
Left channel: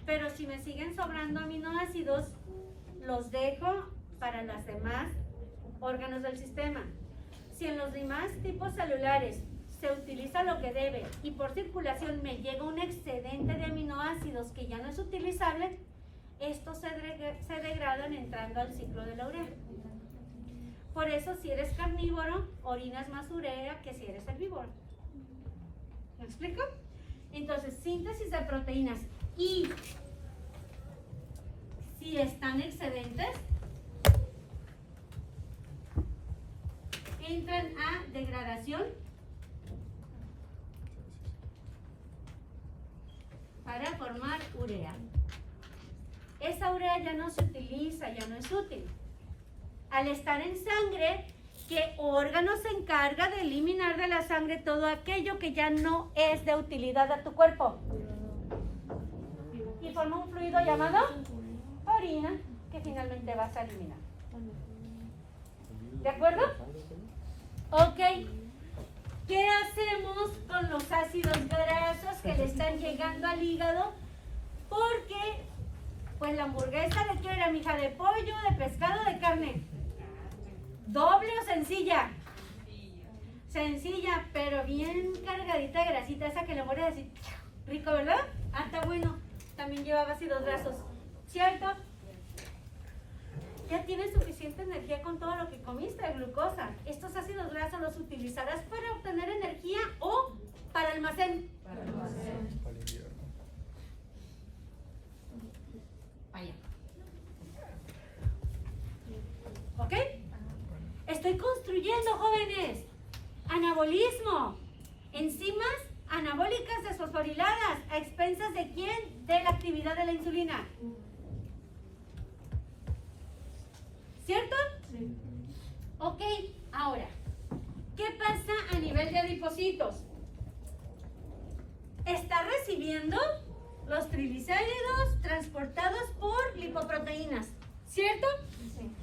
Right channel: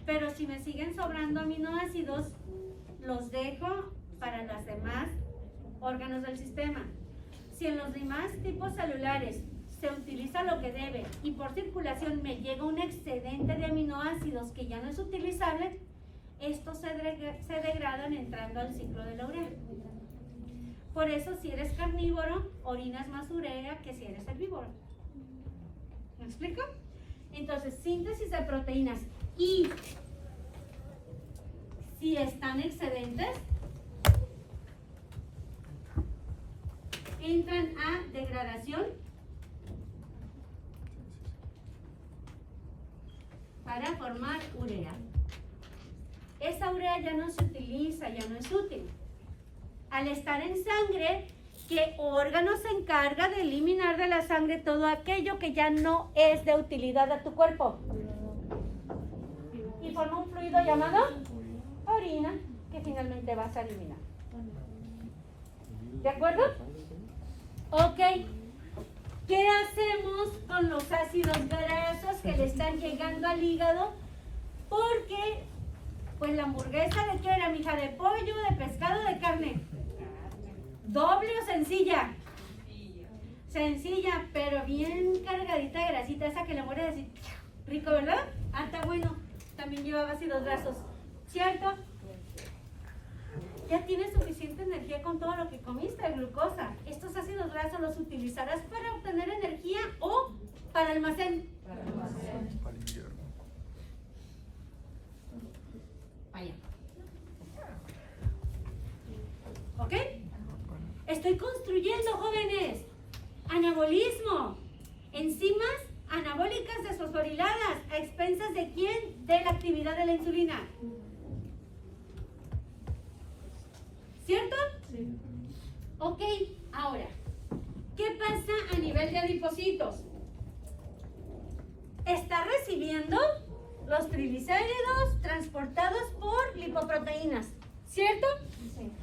Pero si me siguen sobrando aminoácidos, los dejo para los demás órganos del sistema. Si en los demás tipos celulares se utiliza lo que debe y por circulación me llega un excedente de aminoácidos que ya no es utilizable, estos se degradan entrando al ciclo de la urea. Por eso, si eres carnívoro, orinas más urea que si eres herbívoro. ¿Me explico? Entonces, síntesis de proteínas. Y si están excedentes, entran a degradación para formar urea. Esa urea ya no se utiliza, ya no es útil. Al estar en sangre, ¿qué órgano se encarga de eliminar de la sangre todo aquello que ya no es de utilidad a tu cuerpo? Y forma un fluido llamado orina, que finalmente vas a eliminar. ¿De acuerdo? Ok. ¿Qué hacemos con los ácidos grasos que le están llegando al hígado? Porque, pues la hamburguesa de qué era, mija, de pollo, de pescado, de carne. ¿Doble o sencilla? Sencilla, pero bien cargadita de grasita, esa que le muere así. Rico, ¿verdad? Ah, está bueno. También llevaba ácidos grasos. ¿Cierto? Ya tienes suficiente energía con todo lo que comiste de glucosa. Estos ácidos grasos los utilizarás para obtener energía o para almacén. Para almacén. Vaya. ¿Ok? Estoy construyendo, jóvenes, anabolismo, enzimas anabólicas desfosforiladas, ¿a expensas de quién? De la actividad de la insulina. ¿Cierto? Sí. Ok, ahora, ¿qué pasa a nivel de adipocitos? Está recibiendo los triglicéridos transportados por lipoproteínas, ¿cierto? Sí.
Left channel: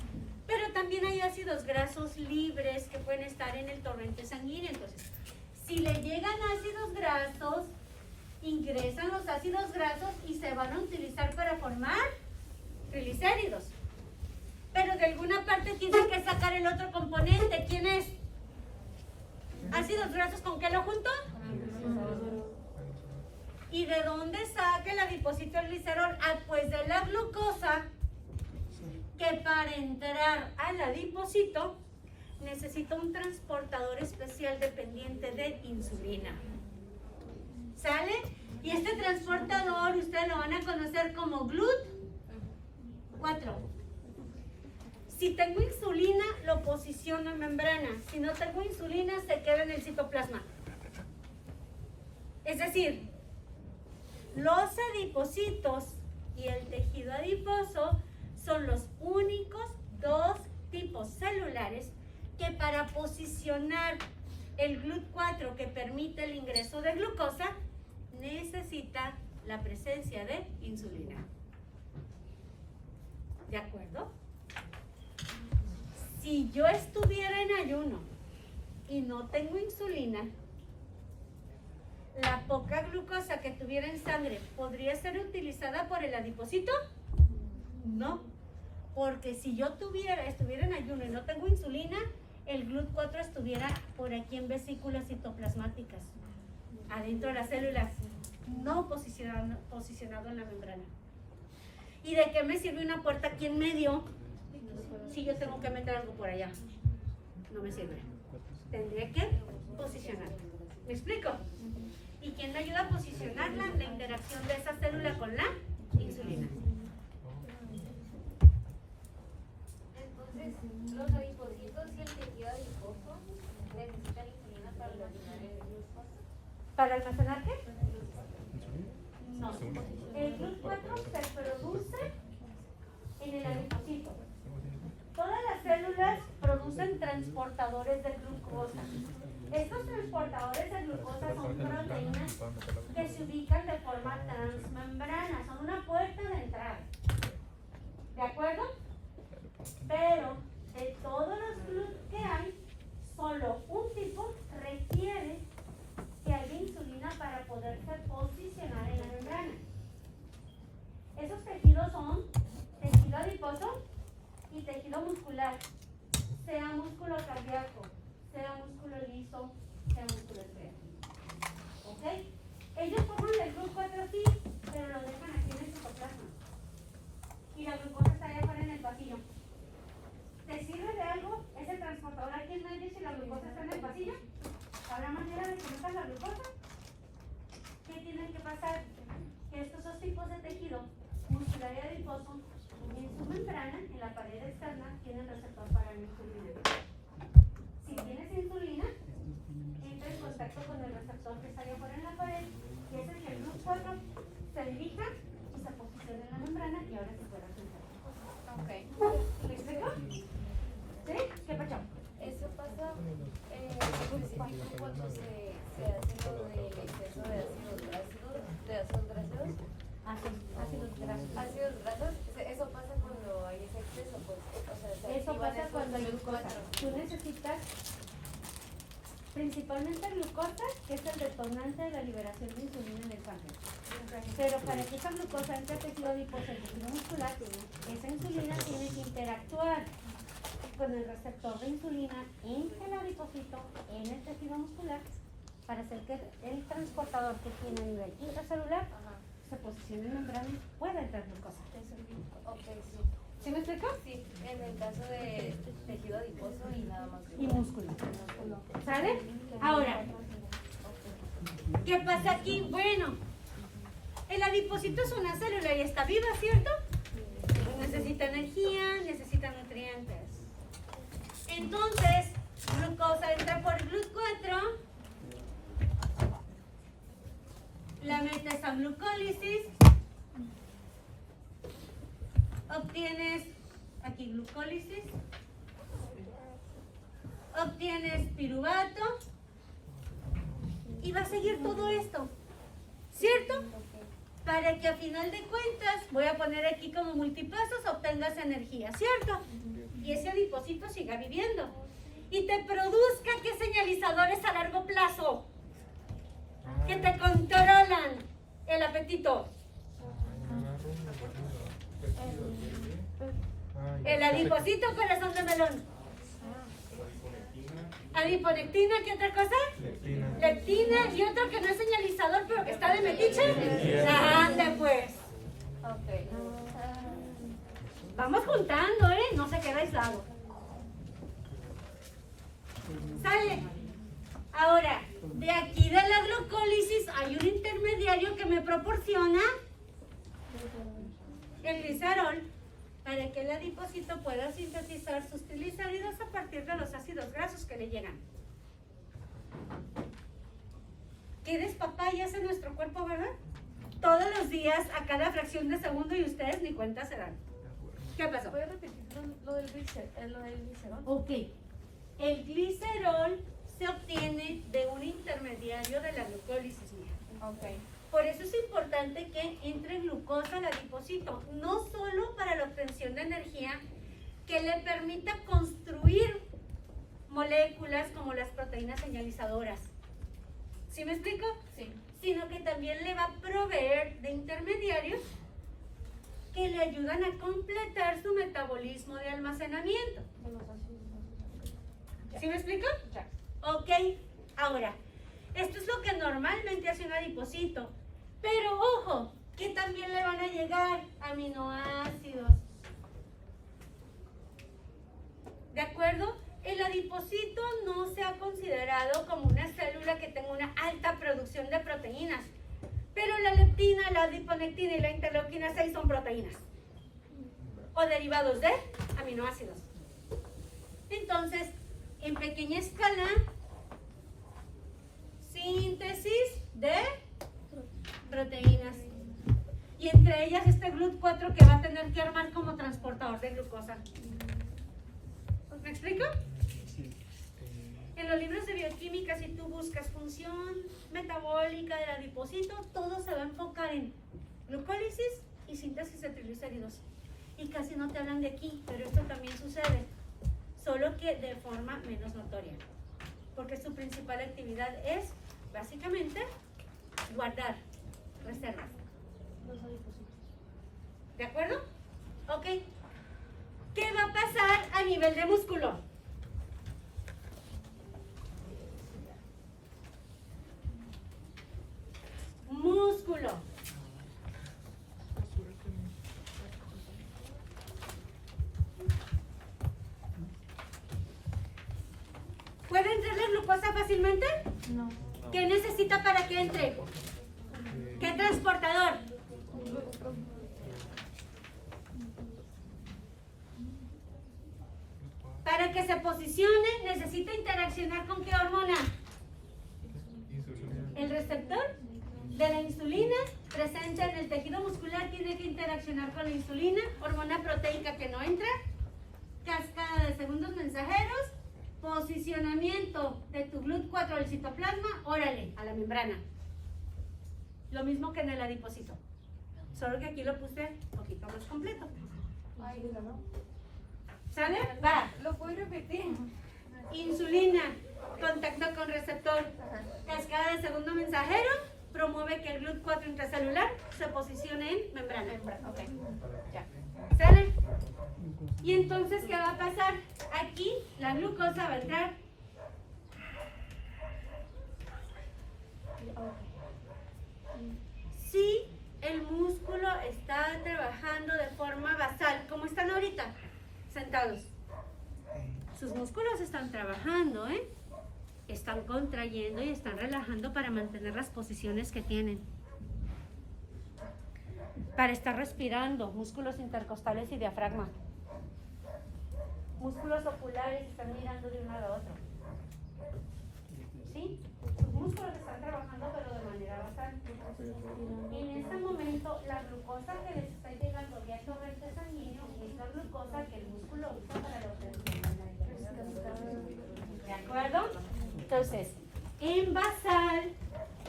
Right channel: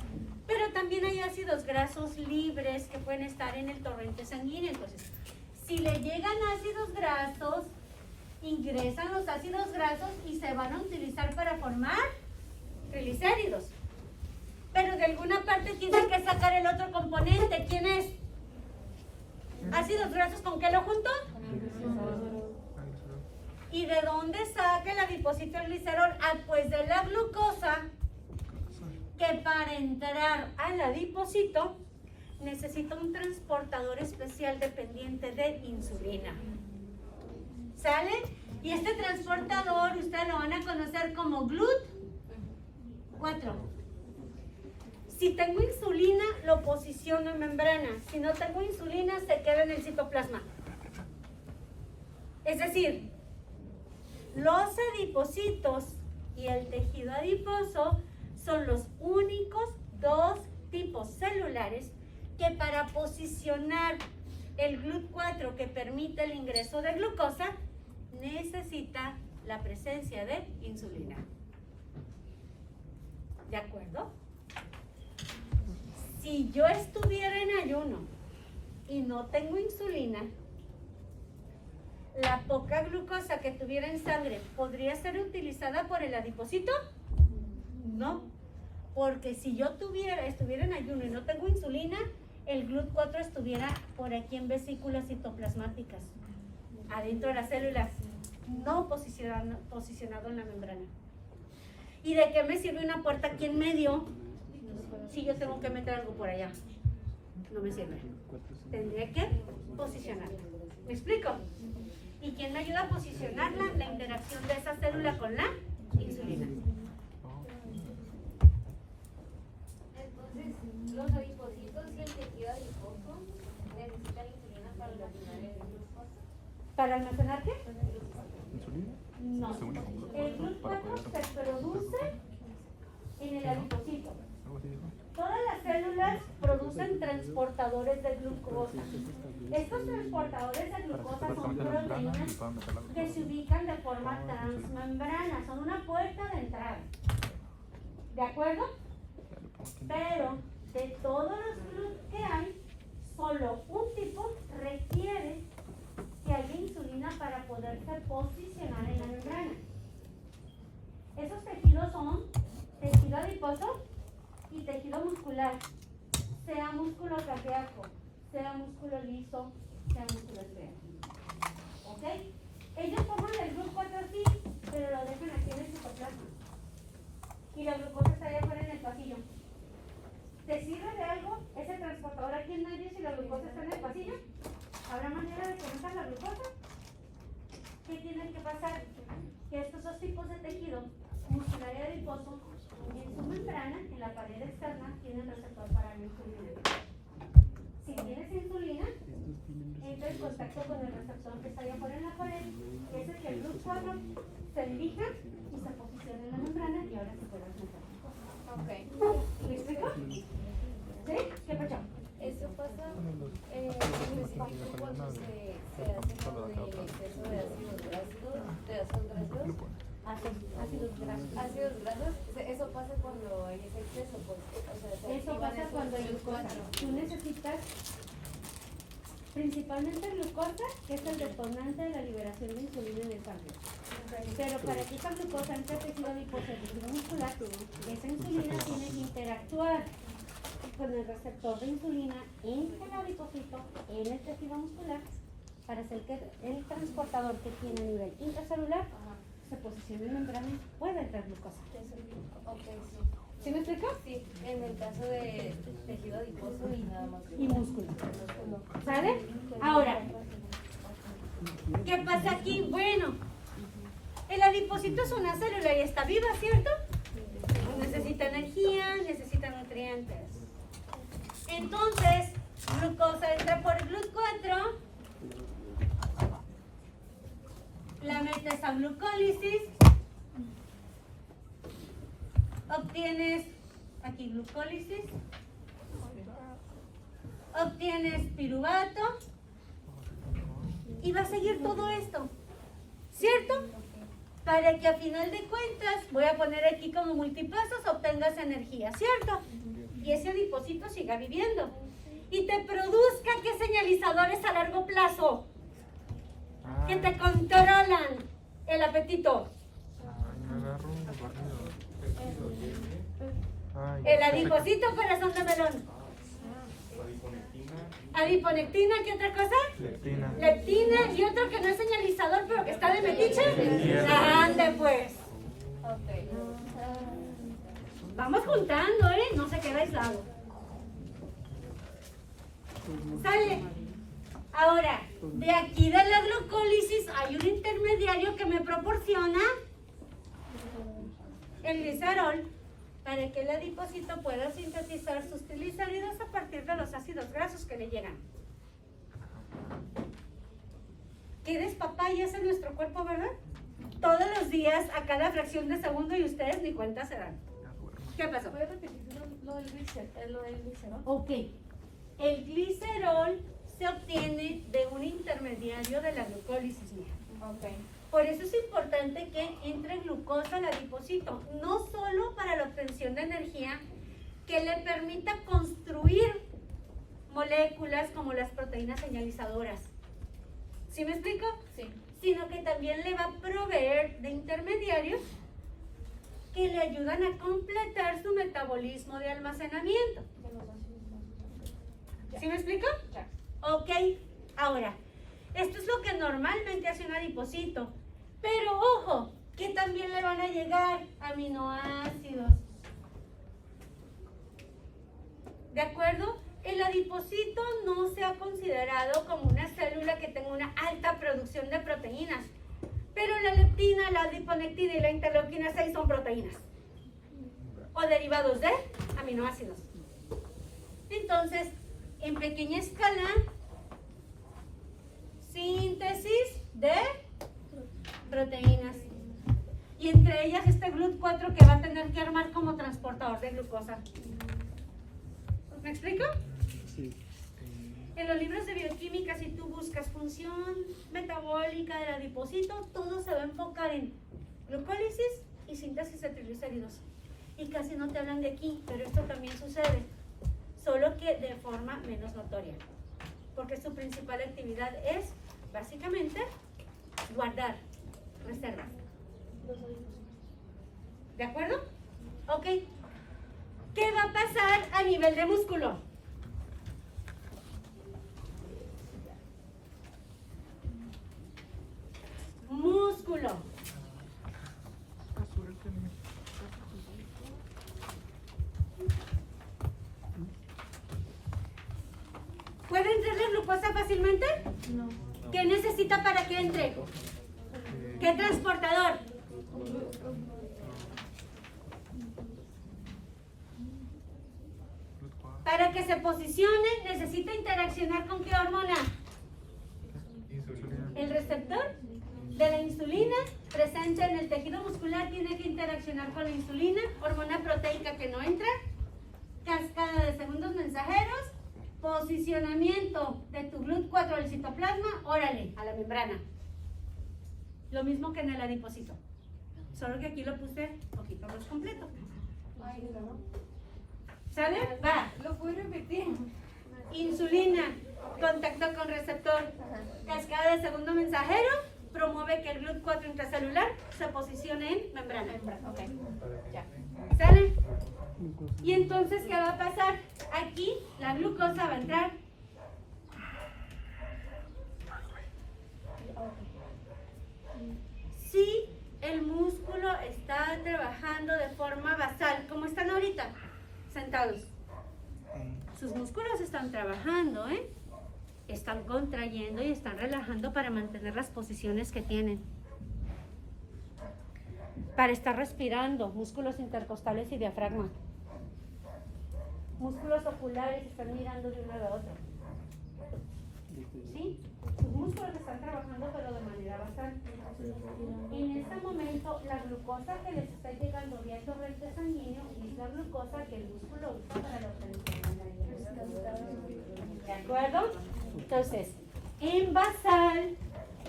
Pero también hay ácidos grasos libres que pueden estar en el torrente sanguíneo. Entonces, si le llegan ácidos grasos, ingresan los ácidos grasos y se van a utilizar para formar triglicéridos. Pero de alguna parte tienen que sacar el otro componente. ¿Quién es? ¿Ácidos grasos con qué lo junto? ¿Y de dónde saca el adipocito el glicerol? Ah, pues de la glucosa, que para entrar al adipocito necesita un transportador especial dependiente de insulina. ¿Sale? Y este transportador ustedes lo van a conocer como GLUT4. Si tengo insulina, lo posiciono en membrana. Si no tengo insulina, se queda en el citoplasma. Es decir, los adipocitos y el tejido adiposo son los únicos dos tipos celulares que para posicionar el GLUT4 que permite el ingreso de glucosa, necesita la presencia de insulina. ¿De acuerdo? Si yo estuviera en ayuno y no tengo insulina, la poca glucosa que tuviera en sangre, ¿podría ser utilizada por el adipocito? No, Porque si yo estuviera en ayuno y no tengo insulina, el GLUT4 estuviera por aquí en vesículas citoplasmáticas, adentro de las células, no posicionado en la membrana. ¿Y de qué me sirve una puerta aquí en medio si yo tengo que meter algo por allá? No me sirve. Tendría que posicionarla. ¿Me explico? ¿Y quién me ayuda a posicionarla? La interacción de esa célula con la insulina. Entonces, los adipocitos y el tejido adiposo necesitan insulina para almacenar el glucosa. ¿Para almacenar qué? No. El GLUT4 se produce en el adipocito. Todas las células producen transportadores de glucosa. Estos transportadores de glucosa son proteínas que se ubican de forma transmembrana, son una puerta de entrada. ¿De acuerdo? Pero de todos los GLUT que hay, solo un tipo requiere que haya insulina para poderse posicionar en la membrana. Esos tejidos son tejido adiposo y tejido muscular, sea músculo cardíaco, sea músculo liso, sea músculo esférico. ¿Ok? Ellos forman el GLUT4 aquí, pero lo dejan aquí en el citoplasma. Y la glucosa está allá afuera en el pasillo. ¿Te sirve de algo ese transportador aquí en medio si la glucosa está en el pasillo? ¿Habrá manera de conectar la glucosa? ¿Qué tienen que pasar? Que estos dos tipos de tejido, muscular y adiposo, en su membrana, en la pared externa, tienen receptor para la insulina. Si tienes insulina, entra en contacto con el receptor que está allá afuera en la pared, que es el que el GLUT4 se dirija y se posiciona en la membrana y ahora se puede sentar. Ok. ¿Me explico? ¿Sí? ¿Qué pasó? Eso pasa específico cuando se hace lo del exceso de ácidos grasos. Ácidos grasos, eso pasa cuando hay ese exceso, pues. O sea, se Eso activan pasa esos cuando hay glucosa. GLUT4. Tú necesitas principalmente glucosa, que es el detonante de la liberación de insulina en el sangre. Pero para que esa glucosa entre al tejido adiposo, el tejido muscular, esa insulina tiene que interactuar con el receptor de insulina en el adipocito, en el tejido muscular, para hacer que el transportador que tiene a nivel intracelular se posicione en membrana y pueda entrar glucosa. Ok, sí. ¿Sí me explico? Sí, en el caso de tejido adiposo y nada más. Y músculo. ¿Sale? Ahora, ¿qué pasa aquí? Bueno, el adipocito es una célula y está viva, ¿cierto? Necesita energía, necesita nutrientes. Entonces, glucosa entra por GLUT4, la metes a glucólisis, obtienes aquí glucólisis, obtienes piruvato y va a seguir todo esto, ¿cierto? Para que a final de cuentas, voy a poner aquí como multipasos, obtengas energía, ¿cierto? Y ese adipocito siga viviendo y te produzca qué señalizadores a largo plazo que te controlan el apetito. El adipocito, corazón de melón. Adiponectina, ¿qué otra cosa? Leptina y otro que no es señalizador pero que está de metiche. Ande pues. Vamos juntando, no se queda aislado. Sale. Ahora, de aquí de la glucólisis hay un intermediario que me proporciona el glicerol para que el adipocito pueda sintetizar sus triglicéridos a partir de los ácidos grasos que le llegan. ¿Qué despapayas en nuestro cuerpo, verdad? Todos los días, a cada fracción de segundo y ustedes ni cuenta se dan. ¿Qué pasó? ¿Puedes repetir lo del glicerol? Ok. El glicerol se obtiene de un intermediario de la glucólisis, mija. Ok. Por eso es importante que entre glucosa al adipocito, no solo para la obtención de energía, que le permita construir moléculas como las proteínas señalizadoras. ¿Sí me explico? Sí. Sino que también le va a proveer de intermediarios que le ayudan a completar su metabolismo de almacenamiento. ¿Sí me explico? Ok, ahora, esto es lo que normalmente hace un adipocito, pero ojo, que también le van a llegar aminoácidos. ¿De acuerdo? El adipocito no se ha considerado como una célula que tenga una alta producción de proteínas, pero la leptina, la adiponectina y la interleuquina 6 son proteínas o derivados de aminoácidos. Entonces, en pequeña escala, síntesis de proteínas. Y entre ellas este GLUT4 que va a tener que armar como transportador de glucosa. ¿Me explico? Sí. En los libros de bioquímica, si tú buscas función metabólica del adipocito, todo se va a enfocar en glucólisis y síntesis de triglicéridos. Y casi no te hablan de aquí, pero esto también sucede, solo que de forma menos notoria. Porque su principal actividad es, básicamente, guardar reservas. ¿De acuerdo? Ok. ¿Qué va a pasar a nivel de músculo? Músculo. ¿Puede entrar la glucosa fácilmente? No. ¿Qué necesita para que entre? ¿Qué transportador? Para que se posicione, necesita interaccionar con ¿qué hormona? El receptor de la insulina presente en el tejido muscular tiene que interaccionar con la insulina, hormona proteica que no entra, cascada de segundos mensajeros, posicionamiento de tu GLUT4 del citoplasma, órale, a la membrana. Lo mismo que en el adipocito, solo que aquí lo puse un poquito más completo. ¿Sale? Va. ¿Lo puedo repetir? Insulina, contacto con receptor, cascada de segundo mensajero, promueve que el GLUT4 intracelular se posicione en membrana. ¿Sale? Y entonces, ¿qué va a pasar? Aquí la glucosa va a entrar. Si el músculo está trabajando de forma basal, como están ahorita, sentados. Sus músculos están trabajando, ¿eh? Están contrayendo y están relajando para mantener las posiciones que tienen. Para estar respirando, músculos intercostales y diafragma. Músculos oculares están mirando de una a la otra. ¿Sí? Sus músculos están trabajando pero de manera basal. En este momento, la glucosa que les está llegando vía torrente sanguíneo es la glucosa que el músculo usa para la obtención de. ¿De acuerdo? Entonces, en basal,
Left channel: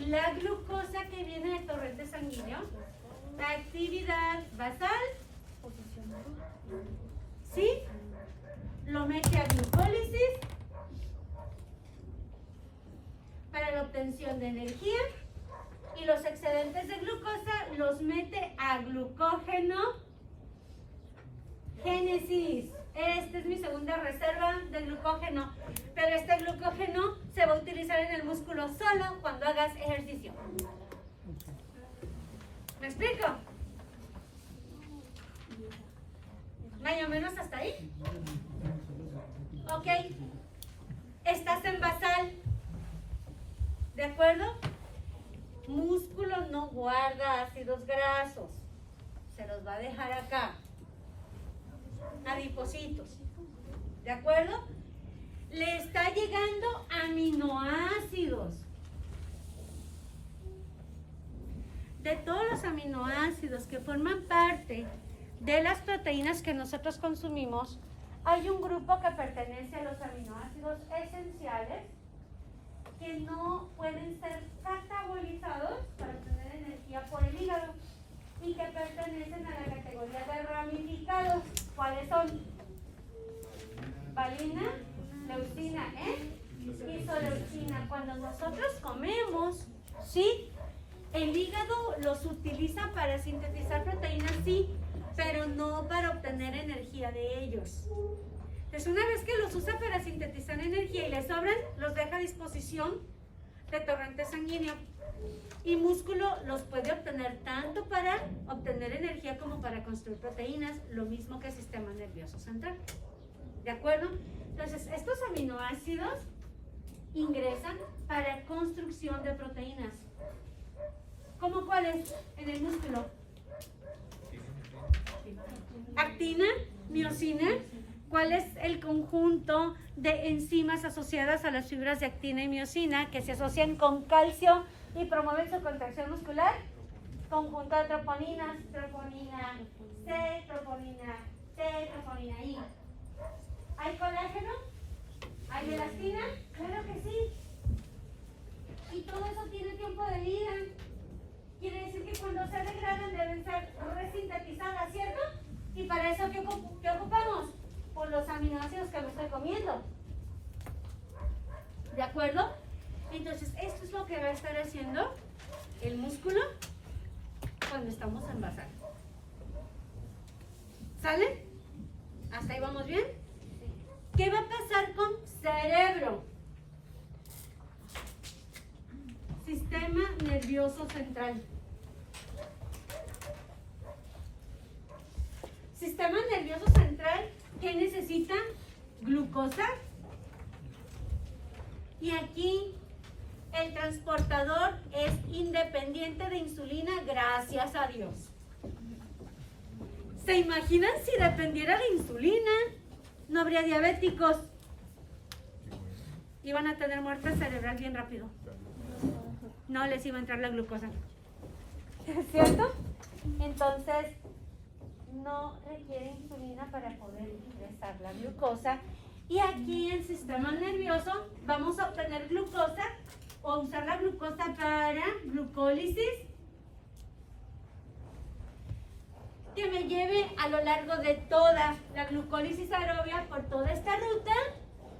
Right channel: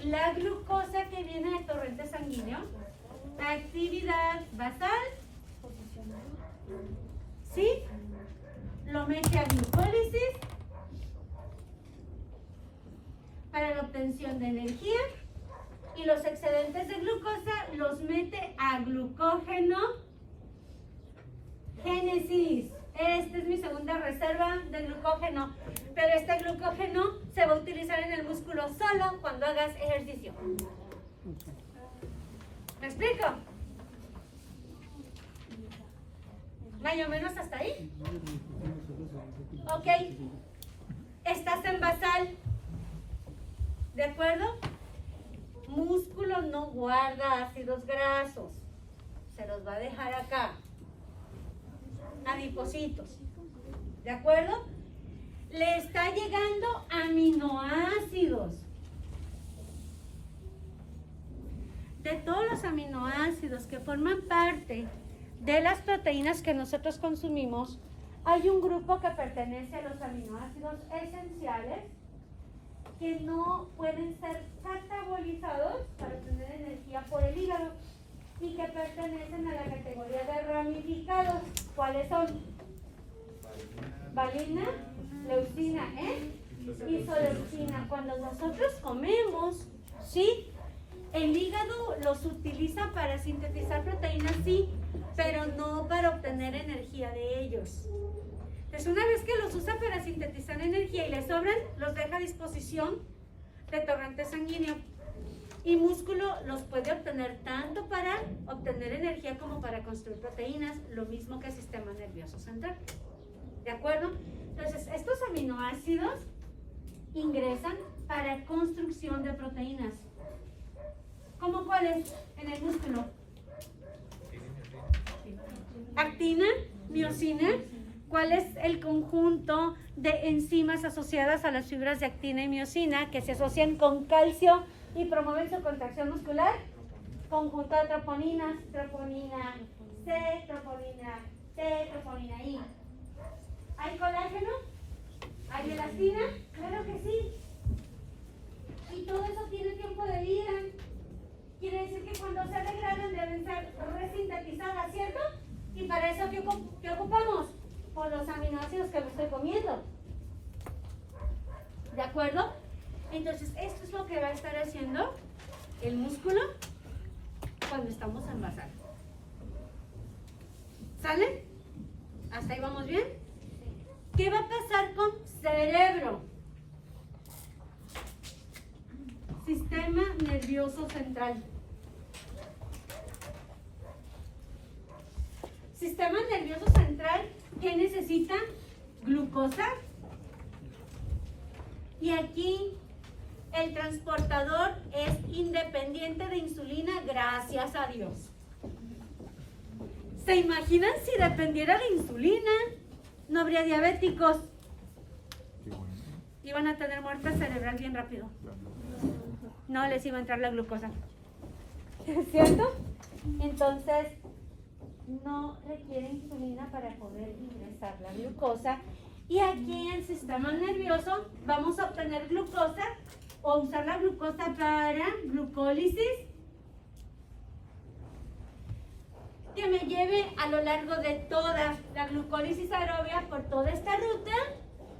la glucosa que viene de torrente sanguíneo, actividad basal, ¿sí? Lo mete a glucólisis para la obtención de energía y los excedentes de glucosa los mete a glucógeno génesis. Esta es mi segunda reserva de glucógeno, pero este glucógeno se va a utilizar en el músculo solo cuando hagas ejercicio. ¿Me explico? Más o menos hasta ahí. Ok. Estás en basal. ¿De acuerdo? Músculo no guarda ácidos grasos. Se los va a dejar acá. Adipocitos. ¿De acuerdo? Le está llegando aminoácidos. De todos los aminoácidos que forman parte de las proteínas que nosotros consumimos, hay un grupo que pertenece a los aminoácidos esenciales que no pueden ser catabolizados para obtener energía por el hígado y que pertenecen a la categoría de ramificados. ¿Cuáles son? Valina, leucina, isoleucina. Cuando nosotros comemos, ¿sí? El hígado los utiliza para sintetizar proteínas, sí, pero no para obtener energía de ellos. Entonces, una vez que los usa para sintetizar energía y les sobran, los deja a disposición de torrente sanguíneo. Y músculo los puede obtener tanto para obtener energía como para construir proteínas, lo mismo que el sistema nervioso central. ¿De acuerdo? Entonces, estos aminoácidos ingresan para construcción de proteínas. ¿Cómo cuáles en el músculo? Actina, miosina. ¿Cuál es el conjunto de enzimas asociadas a las fibras de actina y miosina que se asocian con calcio y promueven su contracción muscular? Conjunto de troponinas, troponina C, troponina T, troponina I. ¿Hay colágeno? ¿Hay elastina? Claro que sí. Y todo eso tiene tiempo de vida. Quiere decir que cuando se degradan deben ser resintetizadas, ¿cierto? Y para eso, ¿qué ocupamos? Por los aminoácidos que me estoy comiendo. ¿De acuerdo? Entonces, esto es lo que va a estar haciendo el músculo cuando estamos en basal. ¿Sale? ¿Hasta ahí vamos bien? ¿Qué va a pasar con cerebro? Sistema nervioso central. Sistema nervioso central que necesita glucosa. Y aquí el transportador es independiente de insulina, gracias a Dios. ¿Se imaginan si dependiera de insulina? No habría diabéticos. Iban a tener muerte cerebral bien rápido. No les iba a entrar la glucosa. ¿Cierto? Entonces, no requiere insulina para poder ingresar la glucosa. Y aquí en el sistema nervioso vamos a obtener glucosa o usar la glucosa para glucólisis que me lleve a lo largo de toda la glucólisis aerobia por toda esta ruta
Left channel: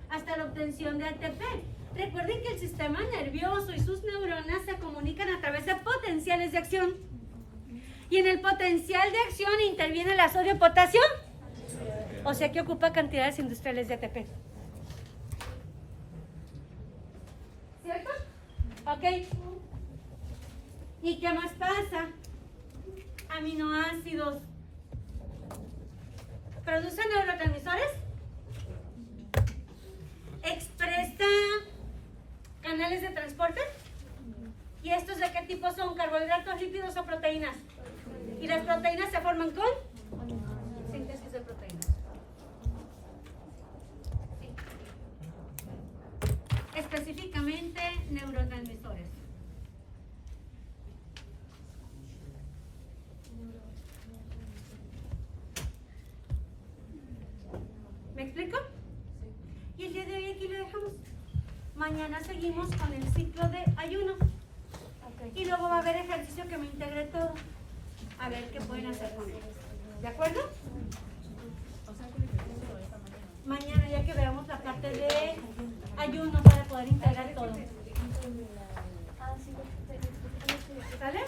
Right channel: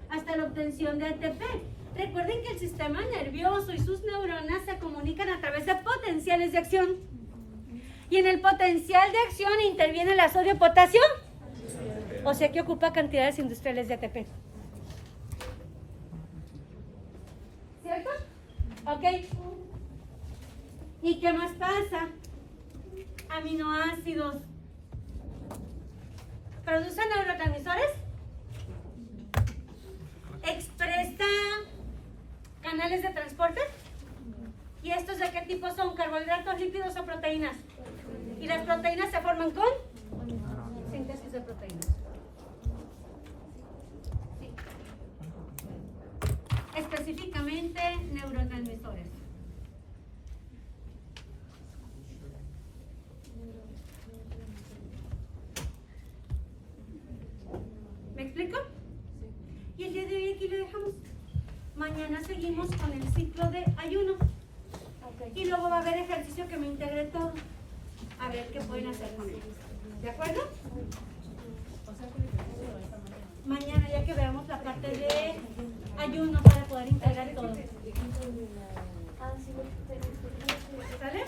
hasta la obtención de ATP. Recuerden que el sistema nervioso y sus neuronas se comunican a través de potenciales de acción. Y en el potencial de acción interviene el sodio-potasio. O sea que ocupa cantidades industriales de ATP. ¿Cierto? Ok. ¿Y qué más pasa? Aminoácidos. ¿Producen neurotransmisores? ¿Expresa canales de transporte? ¿Y estos de qué tipo son? ¿Carbohidratos, lípidos o proteínas? ¿Y las proteínas se forman con? Síntesis de proteínas. Sí. Específicamente neurotransmisores. ¿Me explico? Y el día de hoy aquí lo dejamos. Mañana seguimos con el ciclo de ayuno. Y luego va a haber ejercicio que me integre todo. A ver qué pueden hacer con él. ¿De acuerdo? Mañana ya que veamos la parte de ayuno para poder integrar todo. ¿Sale?